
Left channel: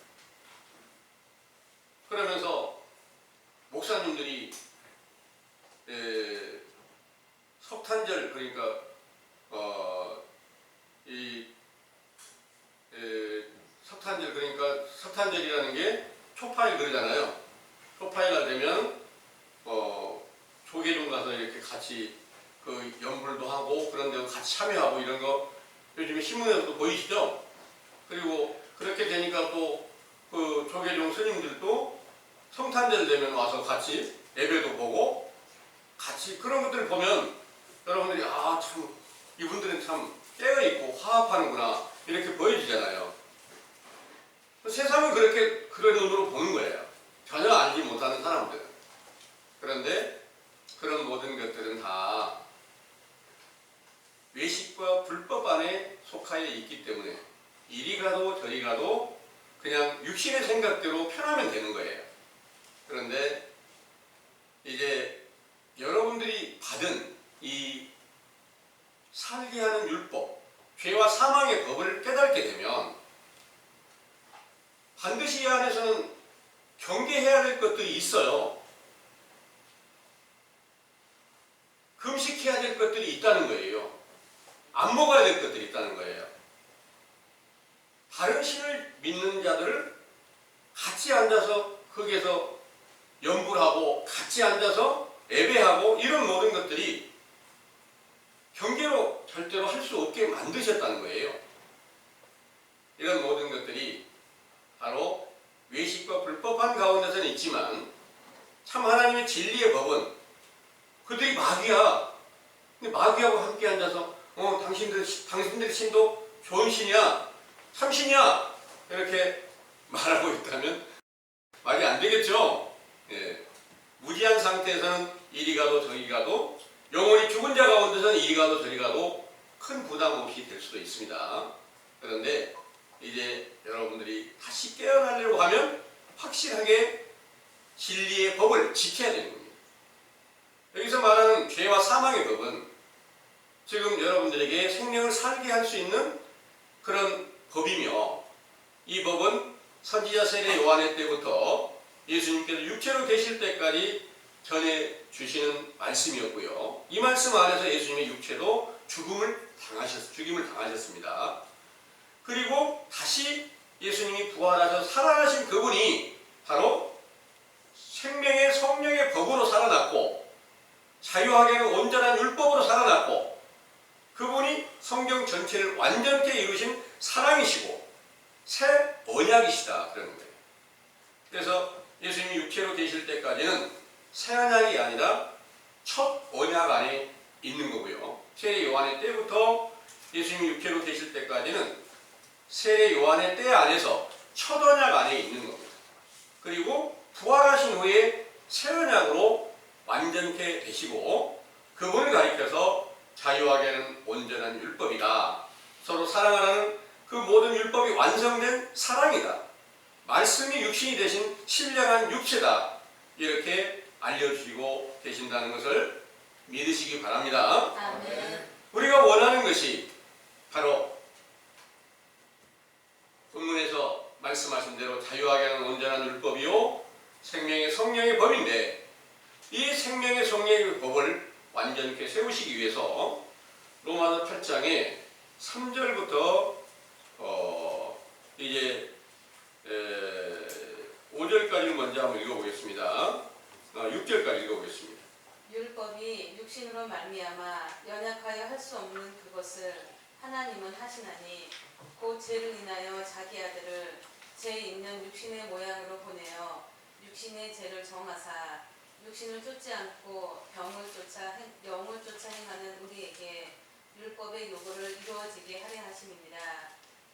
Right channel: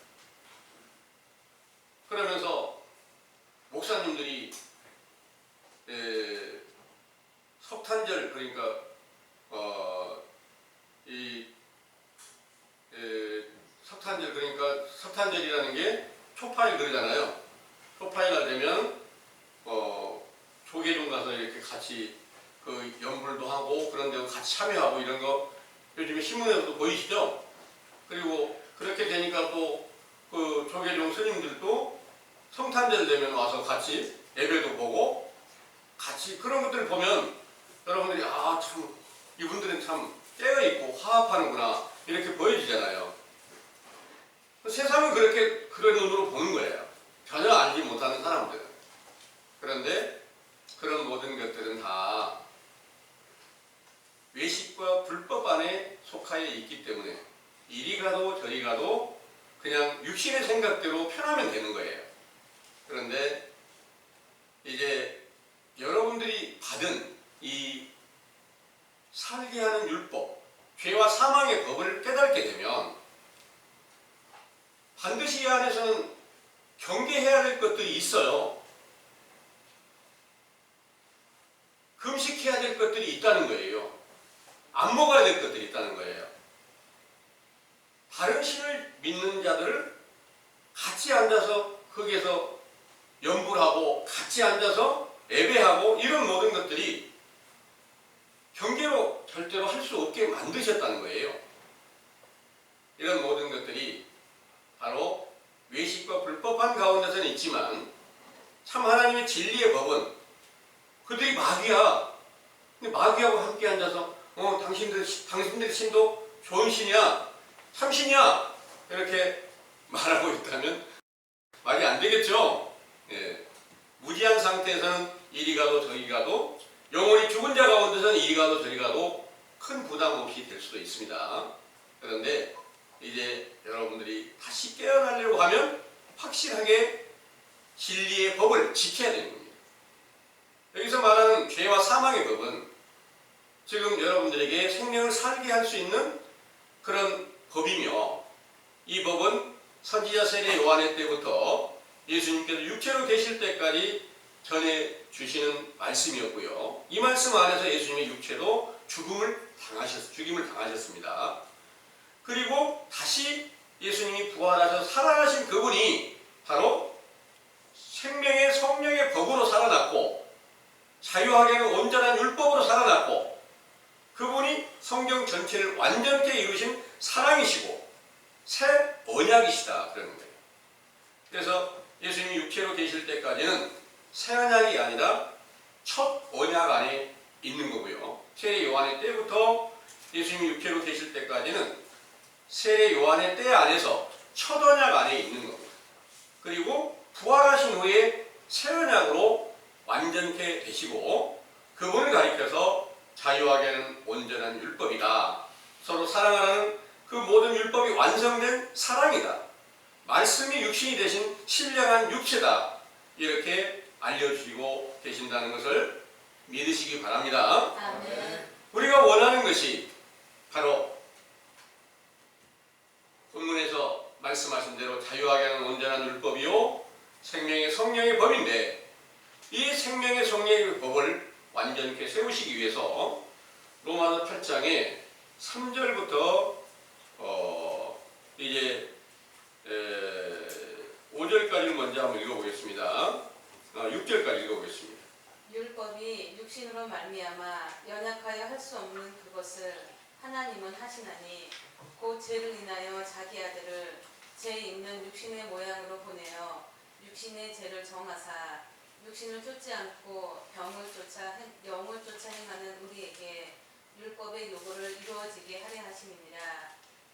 그러면서 목사님들이 석탄절 그러니까 이 성탄절이라는 게 초파일 그러잖아요. 초파일날 되면 조계종 가서 이렇게 같이 그 연불도 하고 그런 데 같이 참여하고 이런 거 요즘에 신문에서도 보이시죠? 그리고 그렇게 되니까 또 그 조계종 스님들도 성탄절 되면 와서 같이 예배도 보고 같이 그런 것들을 보면 여러분들이 아 참 이분들은 참 깨어있고 화합하는구나 이렇게 보여지잖아요. 세상은 그렇게 그런 눈으로 보는 거예요. 전혀 알지 못하는 사람들은. 그런데 그런 모든 것들은 다 외식과 불법 안에 속하여 있기 때문에 이리 가도 저리 가도 그냥 육신의 생각대로 편하면 되는 거예요. 그런데 이제 여러분들이 받은 이 살게 하는 율법, 죄와 사망의 법을 깨닫게 되면 반드시 이 안에서는 경계해야 될 것들이 있어요. 금식해야 될 것들이 있다는 거예요. 안 먹어야 될 것들이 있다는 거예요. 다른 신을 믿는 자들을 같이 앉아서 거기에서 연불하고 같이 앉아서 예배하고 이런 모든 것들이 경계로 절대로 할 수 없게 만드셨다는 거예요. 이런 모든 것들이 바로 외식과 불법한 가운데서는 있지만 참 하나님의 진리의 법은 그들이 마귀야. 근데 마귀하고 함께 앉아서 당신들의 신도 좋은 신이야. 참신이야. 이렇게 말하고 있다면 말이 안 되겠죠. 예. 무지한 상태에서는 이리 가도 저리 가도 영원히 죽은 자 가운데서는 이리 가도 저리 가도 큰 부담 없이 될 수도 있습니다. 그런데 이제 여러분들이 다시 깨어나려고 하면 확실하게 진리의 법을 지켜야 되는 겁니다. 여기서 말하는 죄와 사망의 법은 지금 여러분들에게 생명을 살게 할 수 있는 그런 법이며 이 법은 선지자 세례 요한의 때부터 예수님께서 육체로 계실 때까지 전해 주시는 말씀이었고요. 이 말씀 안에서 예수님의 육체도 죽임을 당하셨습니다. 그리고 다시 예수님이 부활하셔서 살아나신 그분이 바로 생명의 성령의 법으로 살아났고 자유하게는 온전한 율법으로 살아났고 그분이 성경 전체를 완전케 이루신 사랑이시고 새 언약이시다 그러는 거예요. 그래서 예수님이 육체로 계실 때까지는 새 언약이 아니라 첫 언약 안에 있는 거고요. 세례 요한의 때부터 예수님이 육체로 계실 때까지는 세례 요한의 때 안에서 첫 언약 안에 있는 겁니다. 그리고 부활하신 후에 새 언약으로 완전케 되시고 그분을 가리켜서 자유하게는 온전한 율법이다. 서로 사랑하라는 그 모든 율법이 완성된 사랑이다. 말씀이 육신이 되신 신령한 육체다. 이렇게 알려주시고 계신다는 것을 믿으시기 바랍니다. 아멘. 우리가 원하는 것이 바로 본문에서 말씀하신 대로 자유하게 하는 온전한 율법이요 생명의 성령의 법인데 이 생명의 성령의 법을 완전케 세우시기 위해서 로마서 8장에 3절부터 이제 5절까지를 먼저 한번 읽어보겠습니다. 6절까지 읽어보겠습니다. 율법이 육신으로 말미암아 연약하여 할 수 없는 그것을 하나님은 하시나니 곧 죄를 인하여 자기 아들을 죄 있는 육신의 모양으로 보내어 육신의 죄를 정하사 육신을 쫓지 않고 영을 쫓아 행하는 우리에게 율법의 요구를 이루어지게 하려 하심이니라.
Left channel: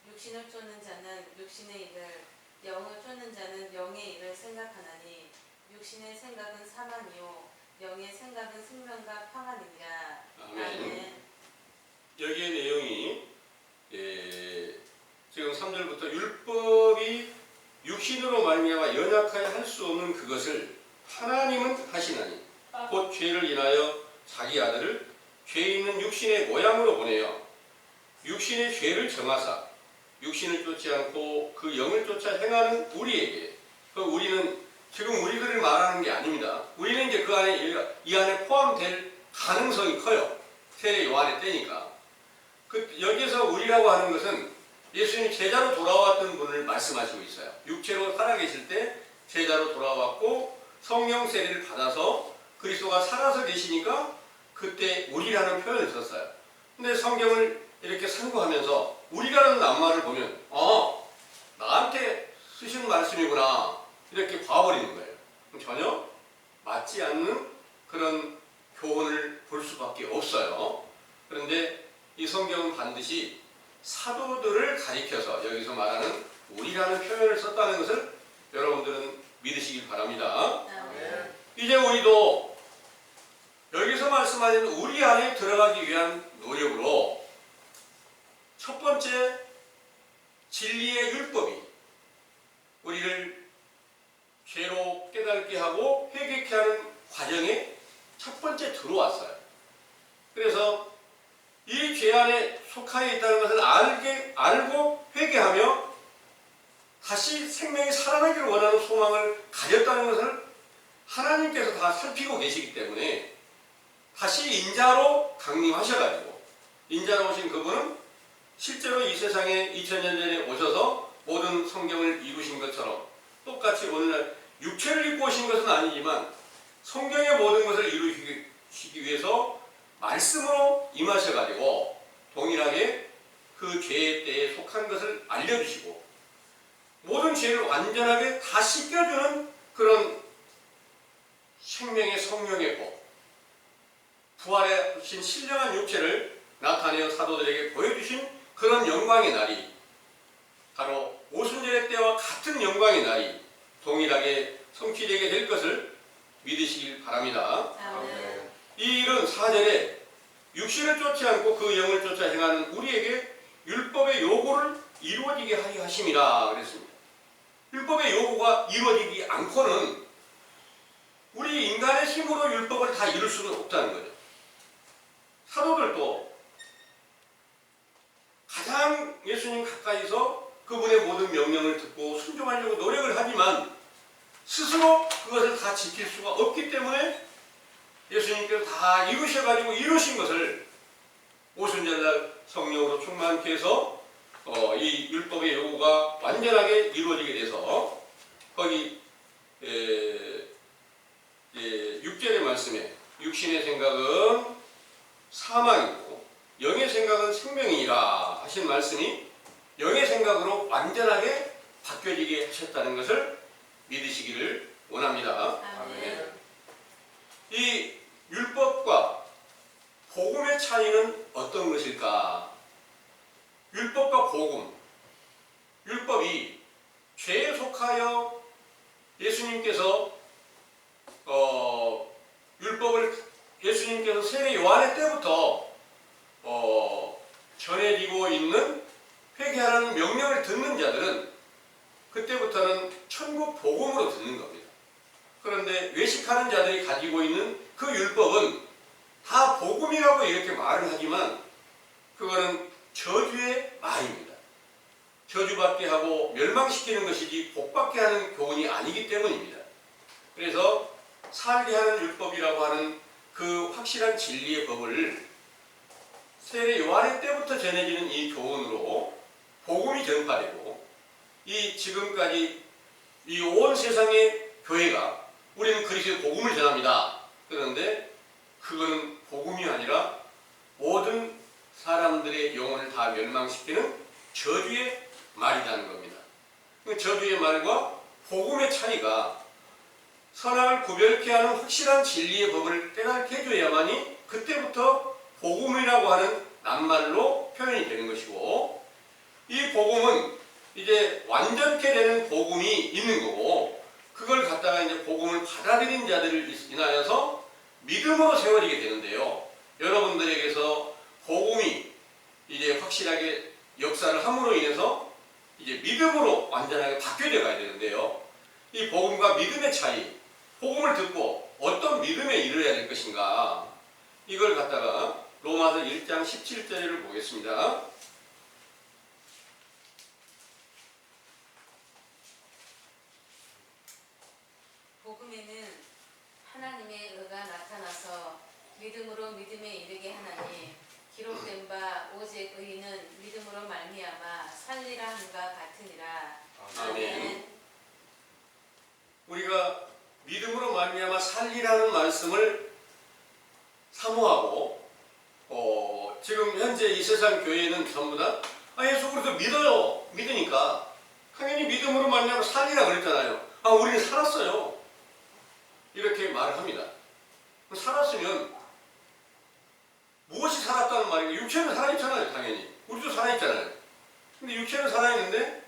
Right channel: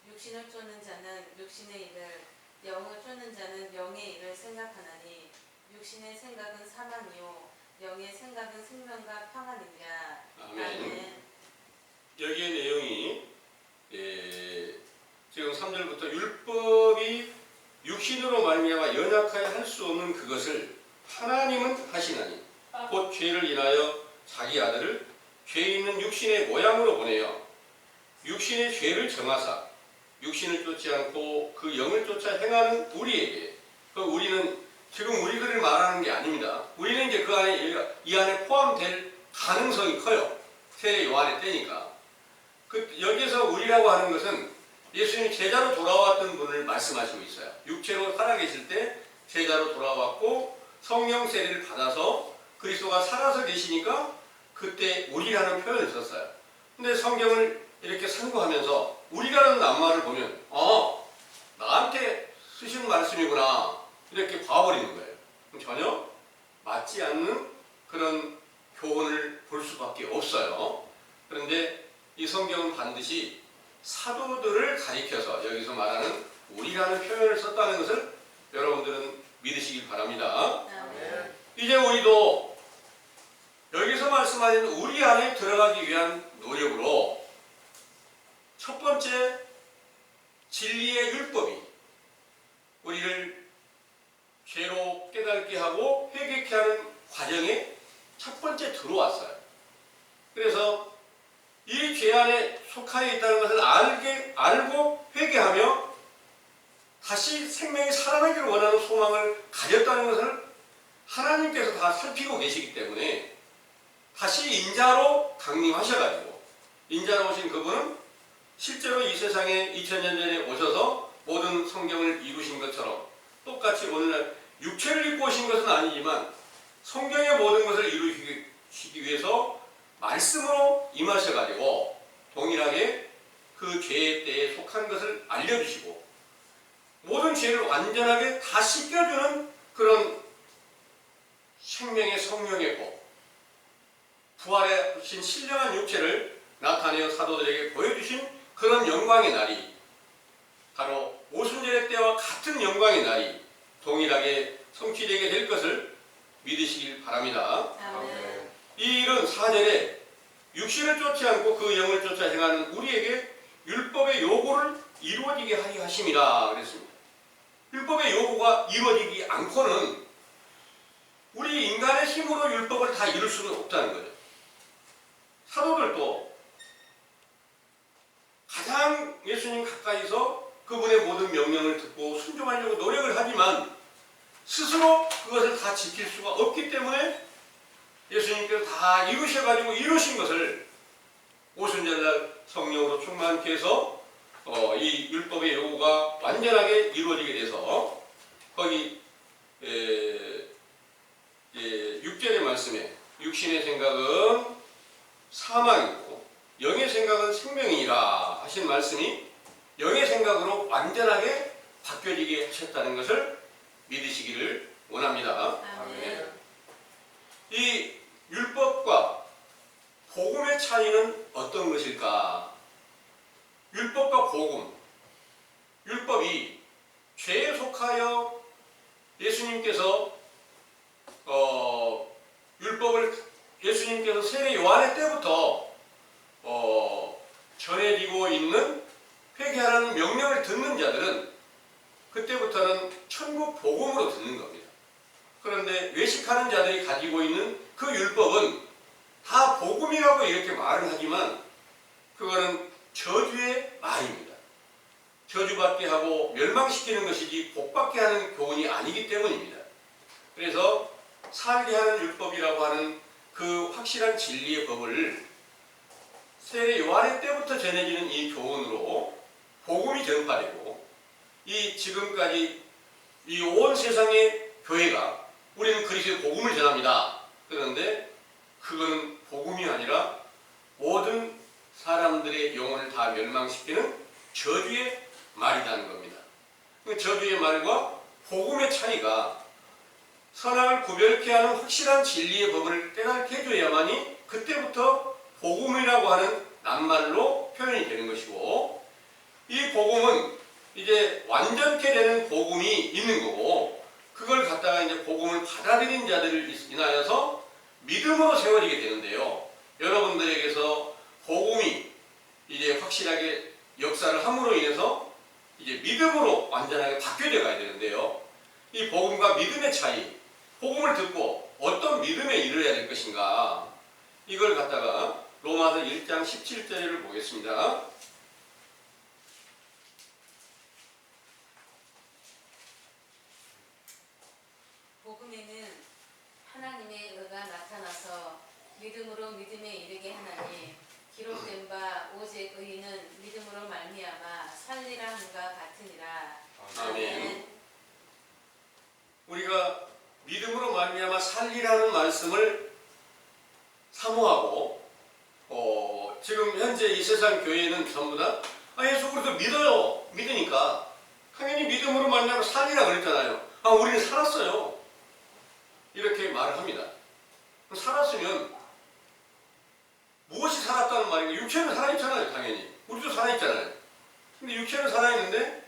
육신을 쫓는 자는 육신의 일을 영을 쫓는 자는 영의 일을 생각하나니 육신의 생각은 사망이요 영의 생각은 생명과 평안이니라. 아멘. 여기의 내용이 지금 3절부터 율법이 육신으로 말미암아 연약하여 할 수 없는 그것을 하나님은 하시나니 곧 죄를 인하여 자기 아들을 죄 있는 육신의 모양으로 보내어 육신의 죄를 정하사 육신을 쫓지 않고 그 영을 쫓아 행하는 우리에게 그 우리는 지금 우리들을 말하는 게 아닙니다. 우리는 이제 그 안에 이 안에 포함될 가능성이 커요. 세례 요한의 때니까. 여기에서 우리라고 하는 것은 예수님이 제자로 돌아왔던 분을 말씀하시고 있어요. 육체로 살아계실 때 제자로 돌아왔고 성령 세례를 받아서 그리스도가 살아서 계시니까 그때 우리라는 표현을 썼어요. 근데 성경을 이렇게 상고하면서 우리라는 낱말을 보면 나한테 쓰신 말씀이구나 이렇게 봐버리는 거예요. 전혀 맞지 않는 그런 교훈을 볼 수밖에 없어요. 그런데 이 성경은 반드시 사도들을 가리켜서 여기서 말하는 우리라는 표현을 썼다는 것을 여러분들은 믿으시길 바랍니다. 아멘. 이제 우리도 여기서 말씀하는 우리 안에 들어가기 위한 노력으로 첫 번째 진리의 율법이 우리를 죄로 깨닫게 하고 회개케 하는 과정에 첫 번째 들어왔어요. 그래서 이 죄 안에 속하여 있다는 것을 알고 회개하며 다시 생명이 살아나기를 원하는 소망을 가졌다는 것을 하나님께서 다 살피고 계시기 때문에 다시 인자로 강림하셔가지고 인자로 오신 그분은 실제로 이 세상에 2000년 전에 오셔서 모든 성경을 이루신 것처럼 똑같이 오늘날 육체를 입고 오신 것은 아니지만 성경의 모든 것을 이루시기 위해서 말씀으로 임하셔가지고 동일하게 그 죄의 때에 속한 것을 알려주시고 모든 죄를 완전하게 다 씻겨주는 그런 생명의 성령의 복, 부활하신 신령한 육체를 나타내어 사도들에게 보여주신 그런 영광의 날이 바로 오순절의 때와 같은 영광의 날이 동일하게 성취되게 될 것을 믿으시길 바랍니다. 아멘. 이 일은 4절에 육신을 쫓지 않고 그 영을 쫓아 행하는 우리에게 율법의 요구를 이루어지게 하려 하심이라 그랬습니다. 율법의 요구가 이루어지지 않고는 우리 인간의 힘으로 율법을 다 이룰 수는 없다는 거죠. 사도들도 가장 예수님 가까이서 그분의 모든 명령을 듣고 순종하려고 노력을 하지만 스스로 그것을 다 지킬 수가 없기 때문에 예수님께서 다 이루셔가지고 이루신 것을 오순절날 성령으로 충만케 해서 이 율법의 요구가 완전하게 이루어지게 돼서 거기 6절의 말씀에 육신의 생각은 사망이고 영의 생각은 생명이니라 하신 말씀이 영의 생각으로 완전하게 바뀌어지게 하셨다는 것을 믿으시기를 원합니다. 아멘. 이 율법과 복음의 차이는 어떤 것일까? 율법과 복음. 율법이 죄에 속하여 예수님께서 율법을 예수님께서 세례 요한의 때부터 전해지고 있는 회개하라는 명령을 듣는 자들은 그때부터는 천국 복음으로 듣는 겁니다. 그런데 외식하는 자들이 가지고 있는 그 율법은 다 복음이라고 이렇게 말을 하지만 그거는 저주의 말입니다. 저주받게 하고 멸망시키는 것이지 복받게 하는 교훈이 아니기 때문입니다. 그래서 살게 하는 율법이라고 하는 그 확실한 진리의 법을 세례 요한의 때부터 전해지는 이 교훈으로 복음이 전파되고 이 지금까지 이 온 세상의 교회가 우리는 그리스도의 복음을 전합니다. 그런데 그거는 복음이 아니라 모든 사람들의 영혼을 다 멸망시키는 저주의 말이라는 겁니다. 그 저주의 말과 복음의 차이가 선악을 구별케 하는 확실한 진리의 법을 깨닫게 해줘야만이 그때부터 복음이라고 하는 낱말로 표현이 되는 것이고 이 복음은 이제 완전케 되는 복음이 있는 거고 그걸 갖다가 이제 복음을 받아들인 자들을 인하여서 믿음으로 세워지게 되는데요. 여러분들에게서 복음이 이제 확실하게 역사를 함으로 인해서 이제 믿음으로 완전하게 바뀌어져 가야 되는데요. 이 복음과 믿음의 차이, 복음을 듣고 어떤 믿음에 이르러야 될 것인가 이걸 갖다가 로마서 1장 17절을 보겠습니다. 복음에는 하나님의 의가 나타나서 믿음으로 믿음에 이르게 하나니 기록된 바 오직 의인은 믿음으로 말미암아 살리라 아멘. 우리가 믿음으로 말미암아 살리라는 말씀을 사모하고 지금 현재 이 세상 교회는 전부 다 예수 그리스도 믿어요. 믿으니까 당연히 믿음으로 말미암아 살리라 그랬잖아요. 우리는 살았어요. 이렇게 말을 합니다. 살았으면 무엇이 살았다는 말인가? 육체는 살아있잖아요. 당연히 우리도 살아있잖아요. 근데 육체는 살아있는데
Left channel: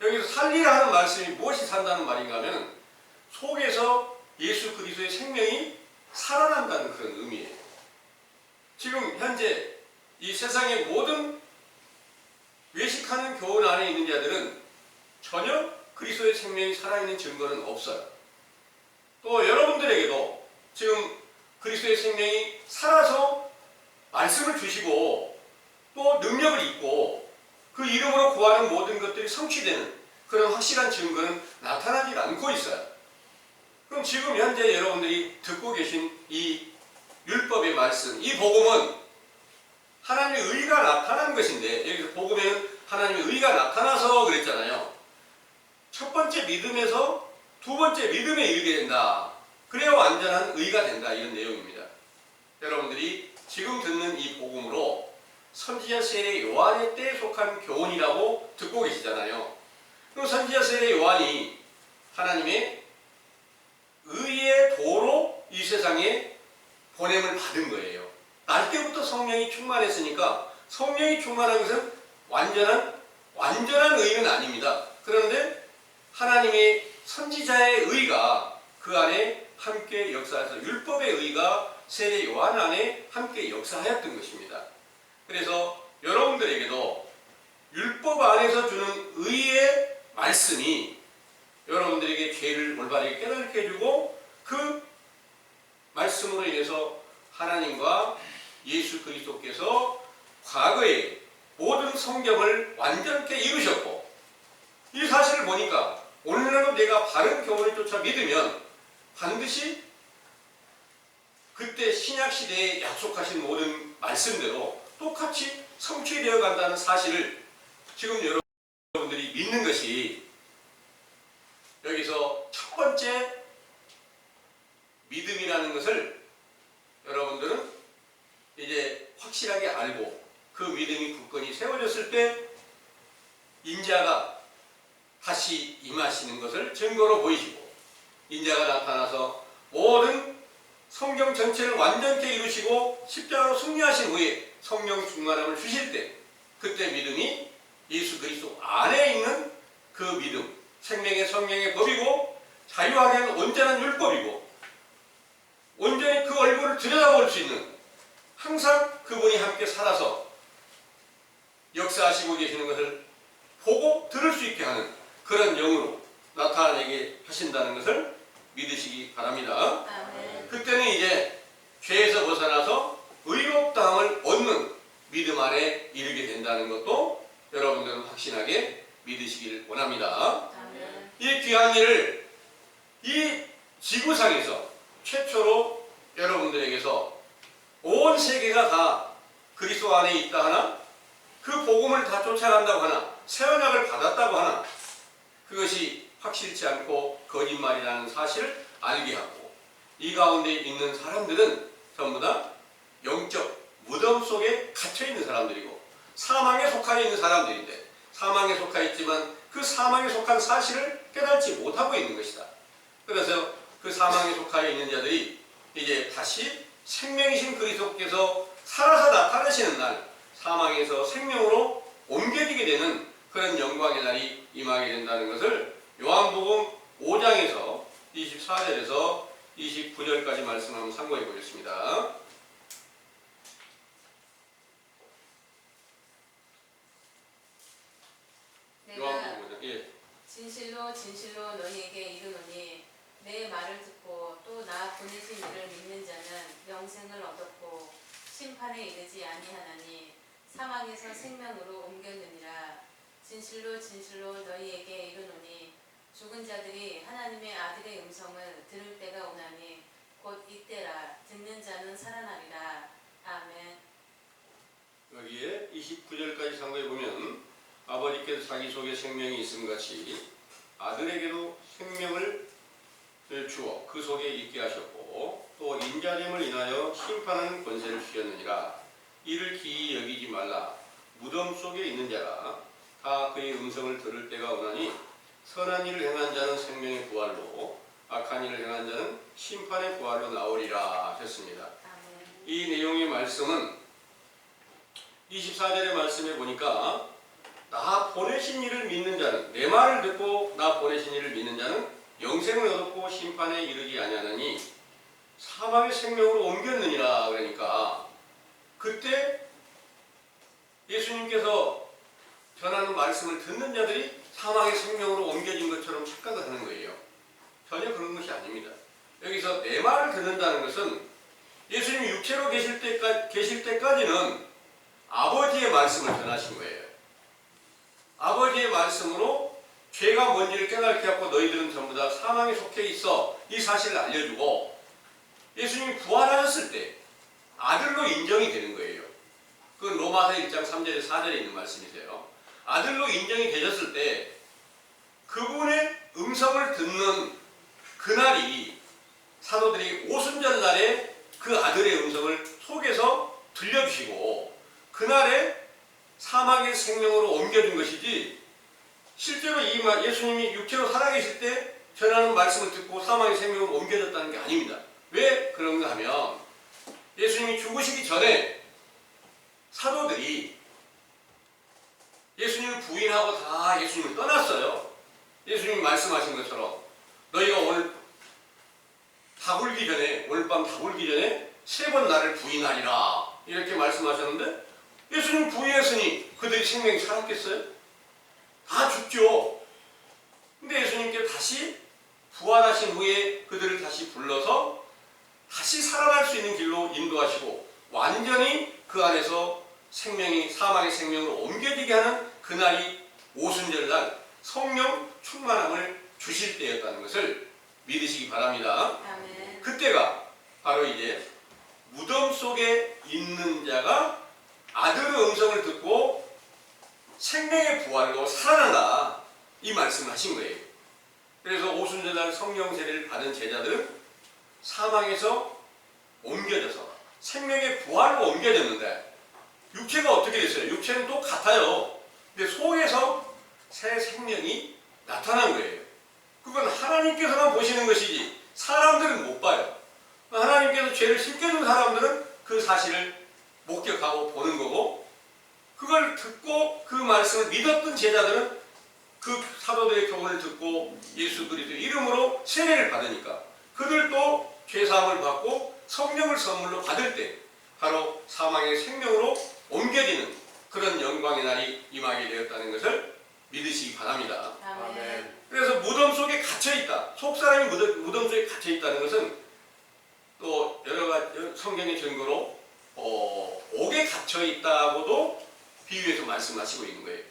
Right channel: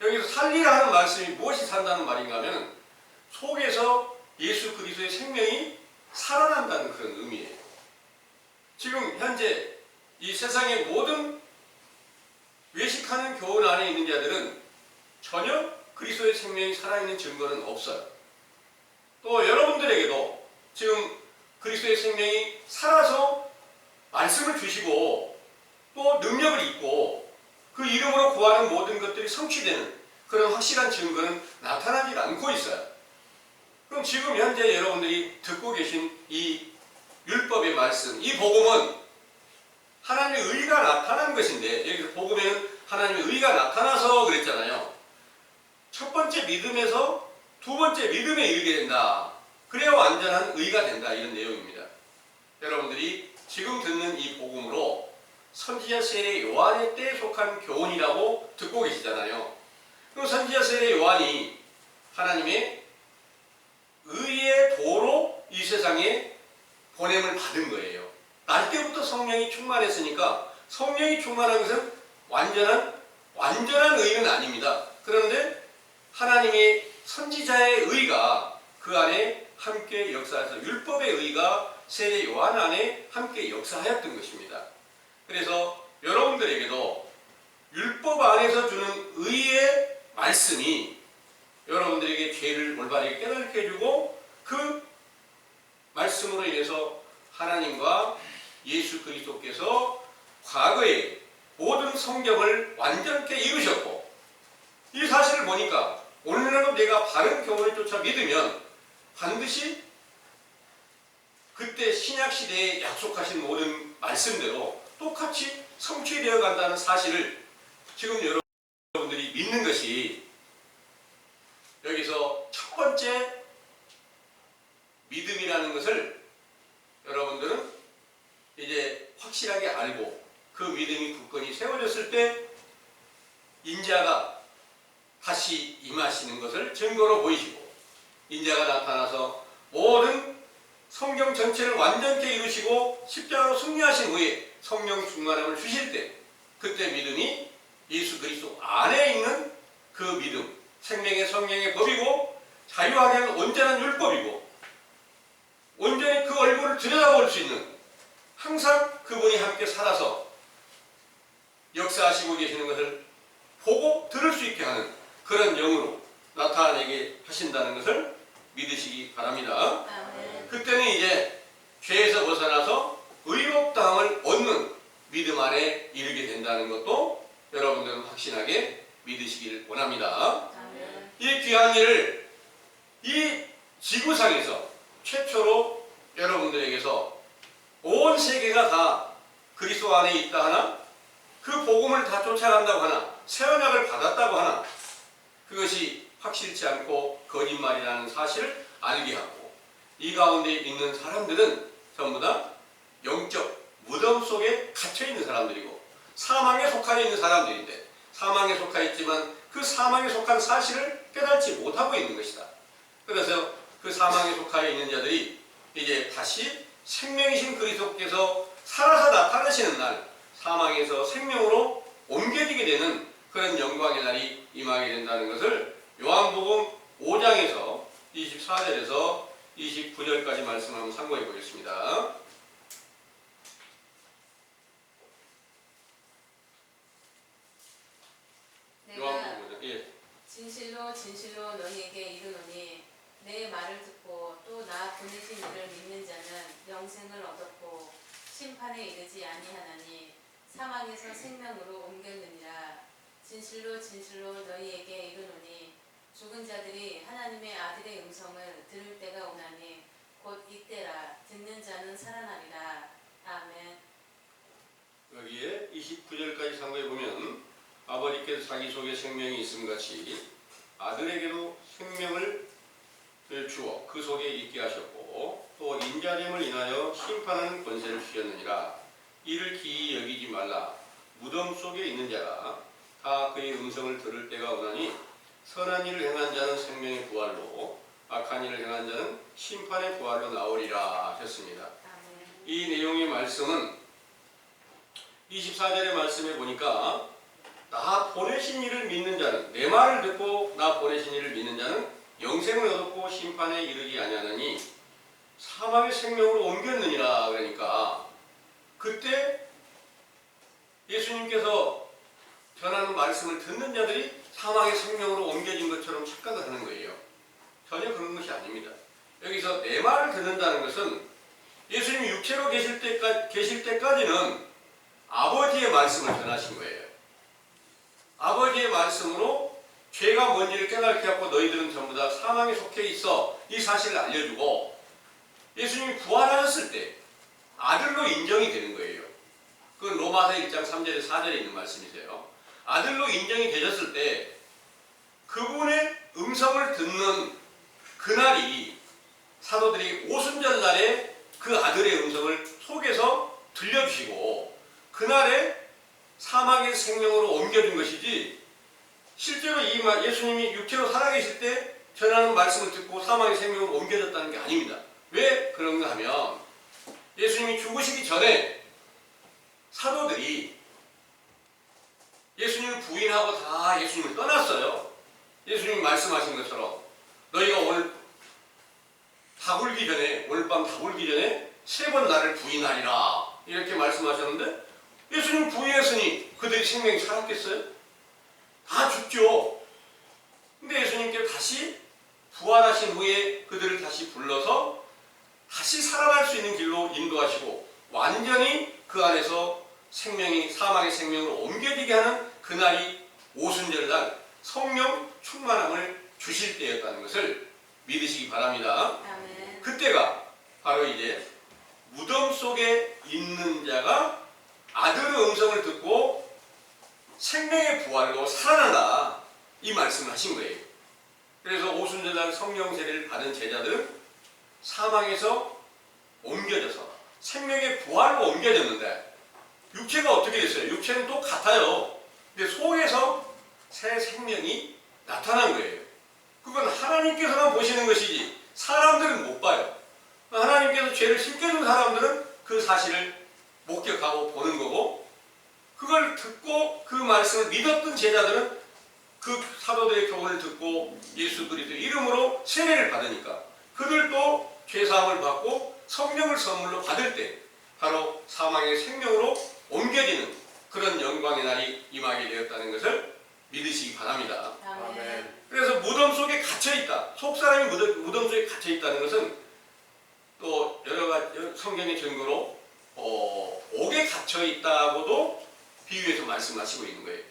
여기서 살리라 하는 말씀이 무엇이 산다는 말인가 하면 속에서 예수 그리스도의 생명이 살아난다는 그런 의미예요. 지금 현재 이 세상의 모든 외식하는 교훈 안에 있는 자들은 전혀 그리스도의 생명이 살아있는 증거는 없어요. 또 여러분들에게도 지금 그리스도의 생명이 살아서 말씀을 주시고 또 능력을 입고 그 이름으로 구하는 모든 것들이 성취되는 그런 확실한 증거는 나타나지 않고 있어요. 그럼 지금 현재 여러분들이 듣고 계신 이 율법의 말씀, 이 복음은 하나님의 의가 나타난 것인데, 여기서 복음에는 하나님의 의가 나타나서 그랬잖아요. 첫 번째 믿음에서 두 번째 믿음에 이르게 된다. 그래야 완전한 의가 된다. 이런 내용입니다. 여러분들이 지금 듣는 이 복음으로 선지자 세례 요한의 때에 속한 교훈이라고 듣고 계시잖아요. 그럼 선지자 세례 요한이 하나님의 의의 도로 이 세상에 보냄을 받은 거예요. 날 때부터 성령이 충만했으니까 성령이 충만한 것은 완전한 의는 아닙니다. 그런데 하나님의 선지자의 의가 그 안에 함께 역사해서 율법의 의가 세례 요한 안에 함께 역사하였던 것입니다. 그래서 여러분들에게도 율법 안에서 주는 의의 말씀이 여러분들에게 죄를 올바르게 깨닫게 해주고 그 말씀으로 인해서 하나님과 예수 그리스도께서 과거에 모든 성경을 완전케 이루셨고, 이 사실을 보니까 오늘날도 내가 바른 교훈을 쫓아 믿으면 반드시 그때 신약시대에 약속하신 모든 말씀대로 똑같이 성취되어 간다는 사실을 지금 여러분들이 믿는 것이 여기서 첫 번째 믿음이라는 것을 여러분들은 이제 확실하게 알고 그 믿음이 굳건히 세워졌을 때 인자가 다시 임하시는 것을 증거로 보이시고, 인자가 나타나서 모든 성경 전체를 완전케 이루시고 십자가로 승리하신 후에 성령 충만함을 주실 때 그때 믿음이 예수 그리스도 안에 있는 그 믿음, 생명의 성령의 법이고 자유하게 하는 온전한 율법이고 온전히 그 얼굴을 들여다볼 수 있는, 항상 그분이 함께 살아서 역사하시고 계시는 것을 보고 들을 수 있게 하는 그런 영으로 나타내게 하신다는 것을 믿으시기 바랍니다. 아멘. 그때는 이제 죄에서 벗어나서 의롭다함을 얻는 믿음 안에 이르게 된다는 것도 여러분들은 확신하게 믿으시길 원합니다. 아멘. 이 귀한 일을 이 지구상에서 최초로 여러분들에게서 온 세계가 다 그리스도 안에 있다 하나, 그 복음을 다 쫓아간다고 하나, 새 언약을 받았다고 하나, 그것이 확실치 않고 거짓말이라는 사실을 알게 하고, 이 가운데 있는 사람들은 전부 다 영적 무덤 속에 갇혀있는 사람들이고 사망에 속하여 있는 사람들인데, 사망에 속하여 있지만 그 사망에 속한 사실을 깨닫지 못하고 있는 것이다. 그래서 그 사망에 속하여 있는 자들이 이제 다시 생명이신 그리스도께서 살아서 나타나시는 날, 사망에서 생명으로 옮겨지게 되는 그런 영광의 날이 임하게 된다는 것을 요한복음 5장에서 24절에서 29절까지 말씀을 참고해 보겠습니다. 요한복음 5장. 예. 진실로 진실로 너희에게 이르노니 내 말을 듣고 또 나 보내신 이를 믿는 자는 영생을 얻었고 심판에 이르지 아니하나니 사망에서 생명으로 옮겼느니라. 진실로 진실로 너희에게 이르노니 죽은 자들이 하나님의 아들의 음성을 들을 때가 오나니 곧 이때라. 듣는 자는 살아나리라. 아멘. 여기에 29절까지 참고해 보면 아버지께서 자기 속에 생명이 있음 같이 아들에게도 생명을 주어 그 속에 있게 하셨고 또 인자됨을 인하여 심판하는 권세를 주셨느니라. 이를 기이 여기지 말라. 무덤 속에 있는 자가 다 그의 음성을 들을 때가 오나니 선한 일을 행한 자는 생명의 부활로 악한 일을 행한 자는 심판의 부활로 나오리라 하셨습니다. 아멘. 이 내용의 말씀은 24절의 말씀에 보니까 나 보내신 이를 믿는 자는, 내 말을 듣고 나 보내신 이를 믿는 자는 영생을 얻었고 심판에 이르지 아니하느니 사망의 생명으로 옮겼느니라. 그러니까 그때 예수님께서 전하는 말씀을 듣는 자들이 사망의 생명으로 옮겨진 것처럼 착각을 하는 거예요. 전혀 그런 것이 아닙니다. 여기서 내 말을 듣는다는 것은 예수님이 육체로 계실 때까지는 아버지의 말씀을 전하신 거예요. 아버지의 말씀으로 죄가 뭔지를 깨닫게 하고 너희들은 전부 다 사망에 속해 있어 이 사실을 알려주고 예수님이 부활하셨을 때 아들로 인정이 되는 거예요. 그건 로마서 1장 3절에 4절에 있는 말씀이세요. 아들로 인정이 되셨을 때 그분의 음성을 듣는 그날이 사도들이 오순절 날에 그 아들의 음성을 속에서 들려주시고 그날에 사망의 생명으로 옮겨준 것이지 실제로 이 예수님이 육체로 살아계실 때 전하는 말씀을 듣고 사망의 생명으로 옮겨졌다는 게 아닙니다. 왜 그런가 하면 예수님이 죽으시기 전에 사도들이 예수님을 부인하고 다 예수님을 떠났어요. 예수님이 말씀하신 것처럼 너희가 오늘 오늘 밤 다 굴기 전에 3번 나를 부인하리라 이렇게 말씀하셨는데 예수님 부인했으니 그들이 생명이 살았겠어요? 다 죽죠. 근데 예수님께서 다시 부활하신 후에 그들을 다시 불러서 다시 살아날 수 있는 길로 인도하시고 완전히 그 안에서 사망의 생명으로 옮겨지게 하는 그날이 오순절날 성령 충만함을 주실 때였다는 것을 믿으시기 바랍니다. 아멘. 그때가 바로 이제 무덤 속에 있는 자가 아들의 음성을 듣고 생명의 부활로 살아난다 이 말씀을 하신 거예요. 그래서 오순절날 성령 세례를 받은 제자들은 사망에서 옮겨져서 생명의 부활로 옮겨졌는데 육체가 어떻게 됐어요? 육체는 또 같아요. 근데 속에서 새 생명이 나타난 거예요. 그건 하나님께서만 보시는 것이지 사람들은 못 봐요. 하나님께서 죄를 심겨준 사람들은 그 사실을 목격하고 보는 거고 그걸 듣고 그 말씀을 믿었던 제자들은 그 사도들의 교훈을 듣고 예수 그리스도의 이름으로 세례를 받으니까 그들도 죄사함을 받고 성령을 선물로 받을 때 바로 사망의 생명으로 옮겨지는 그런 영광의 날이 임하게 되었다는 것을 믿으시기 바랍니다. 아멘. 그래서 무덤 속에 갇혀있다. 속사람이 무덤 속에 갇혀있다는 것은 또 여러 가지 성경의 증거로 옥에 갇혀있다고도 비유해서 말씀하시고 있는 거예요.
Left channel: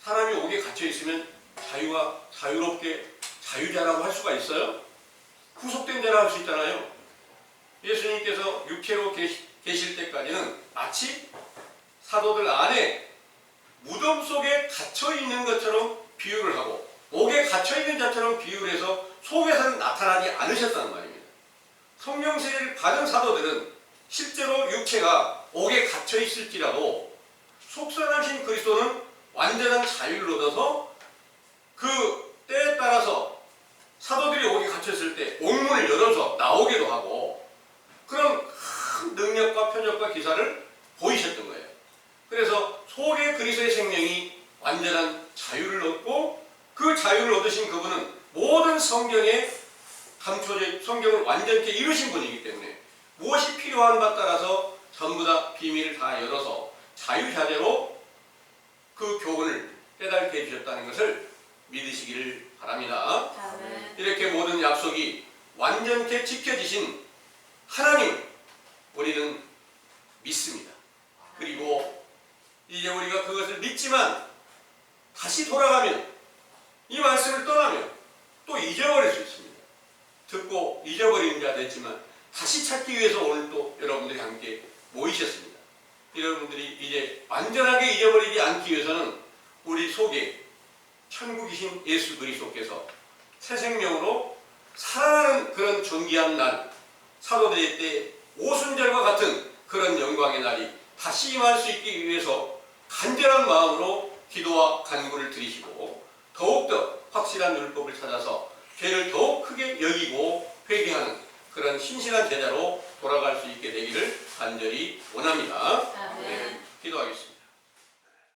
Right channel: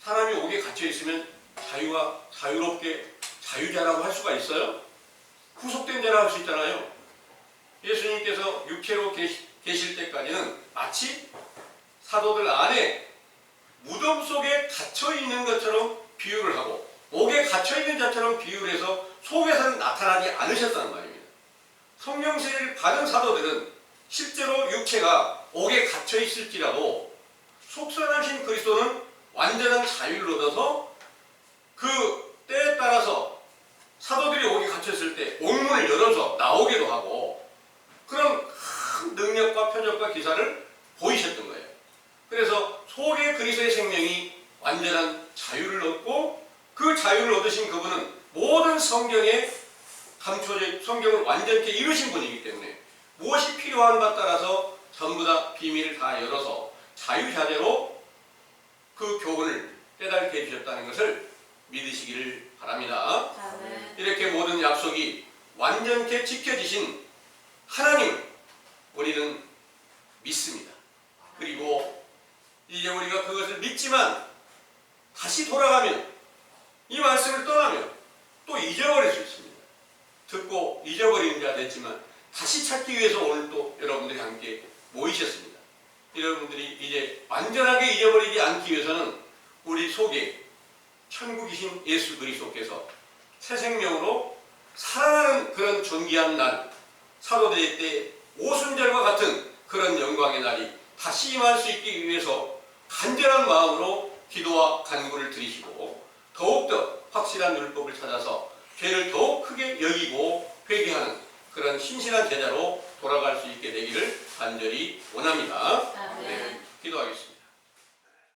사람이 옥에 갇혀있으면 자유롭게 자유자라고 할 수가 있어요? 구속된 자라고 할 수 있잖아요. 예수님께서 육체로 계실 때까지는 마치 사도들 안에 무덤 속에 갇혀있는 것처럼 비유를 하고 옥에 갇혀있는 자처럼 비유를 해서 속에서는 나타나지 않으셨다는 말입니다. 성령 세례를 받은 사도들은 실제로 육체가 옥에 갇혀있을지라도 속선하신 그리스도는 완전한 자유를 얻어서 그 때에 따라서 사도들이 옥에 갇혔을 때 옥문을 열어서 나오기도 하고 그런 큰 능력과 표적과 기사를 보이셨던 거예요. 그래서 속에 그리스도의 생명이 완전한 자유를 얻고 그 자유를 얻으신 그분은 모든 성경에 감춰져 성경을 완전히 이루신 분이기 때문에 무엇이 필요한 바 따라서 전부 다 비밀을 다 열어서 자유자재로 그 교훈을 깨닫게 해주셨다는 것을 믿으시기를 바랍니다. 아멘. 이렇게 모든 약속이 완전히 지켜지신 하나님을 우리는 믿습니다. 그리고 이제 우리가 그것을 믿지만 다시 돌아가면 이 말씀을 떠나면 또 잊어버릴 수 있습니다. 듣고 잊어버리는 자 됐지만 다시 찾기 위해서 오늘 또 여러분들이 함께 모이셨습니다. 여러분들이 이제 완전하게 잊어버리지 않기 위해서는 우리 속에 천국이신 예수 그리스도께서 새 생명으로 살아나는 그런 존귀한 날, 사도대회 때 오순절과 같은 그런 영광의 날이 다시 임할 수 있기 위해서 간절한 마음으로 기도와 간구를 드리시고 더욱더 확실한 율법을 찾아서 죄를 더욱 크게 여기고 회개하는 그런 신실한 제자로 돌아갈 수 있게 되기를 간절히 원합니다. 아멘. 네, 기도하겠습니다.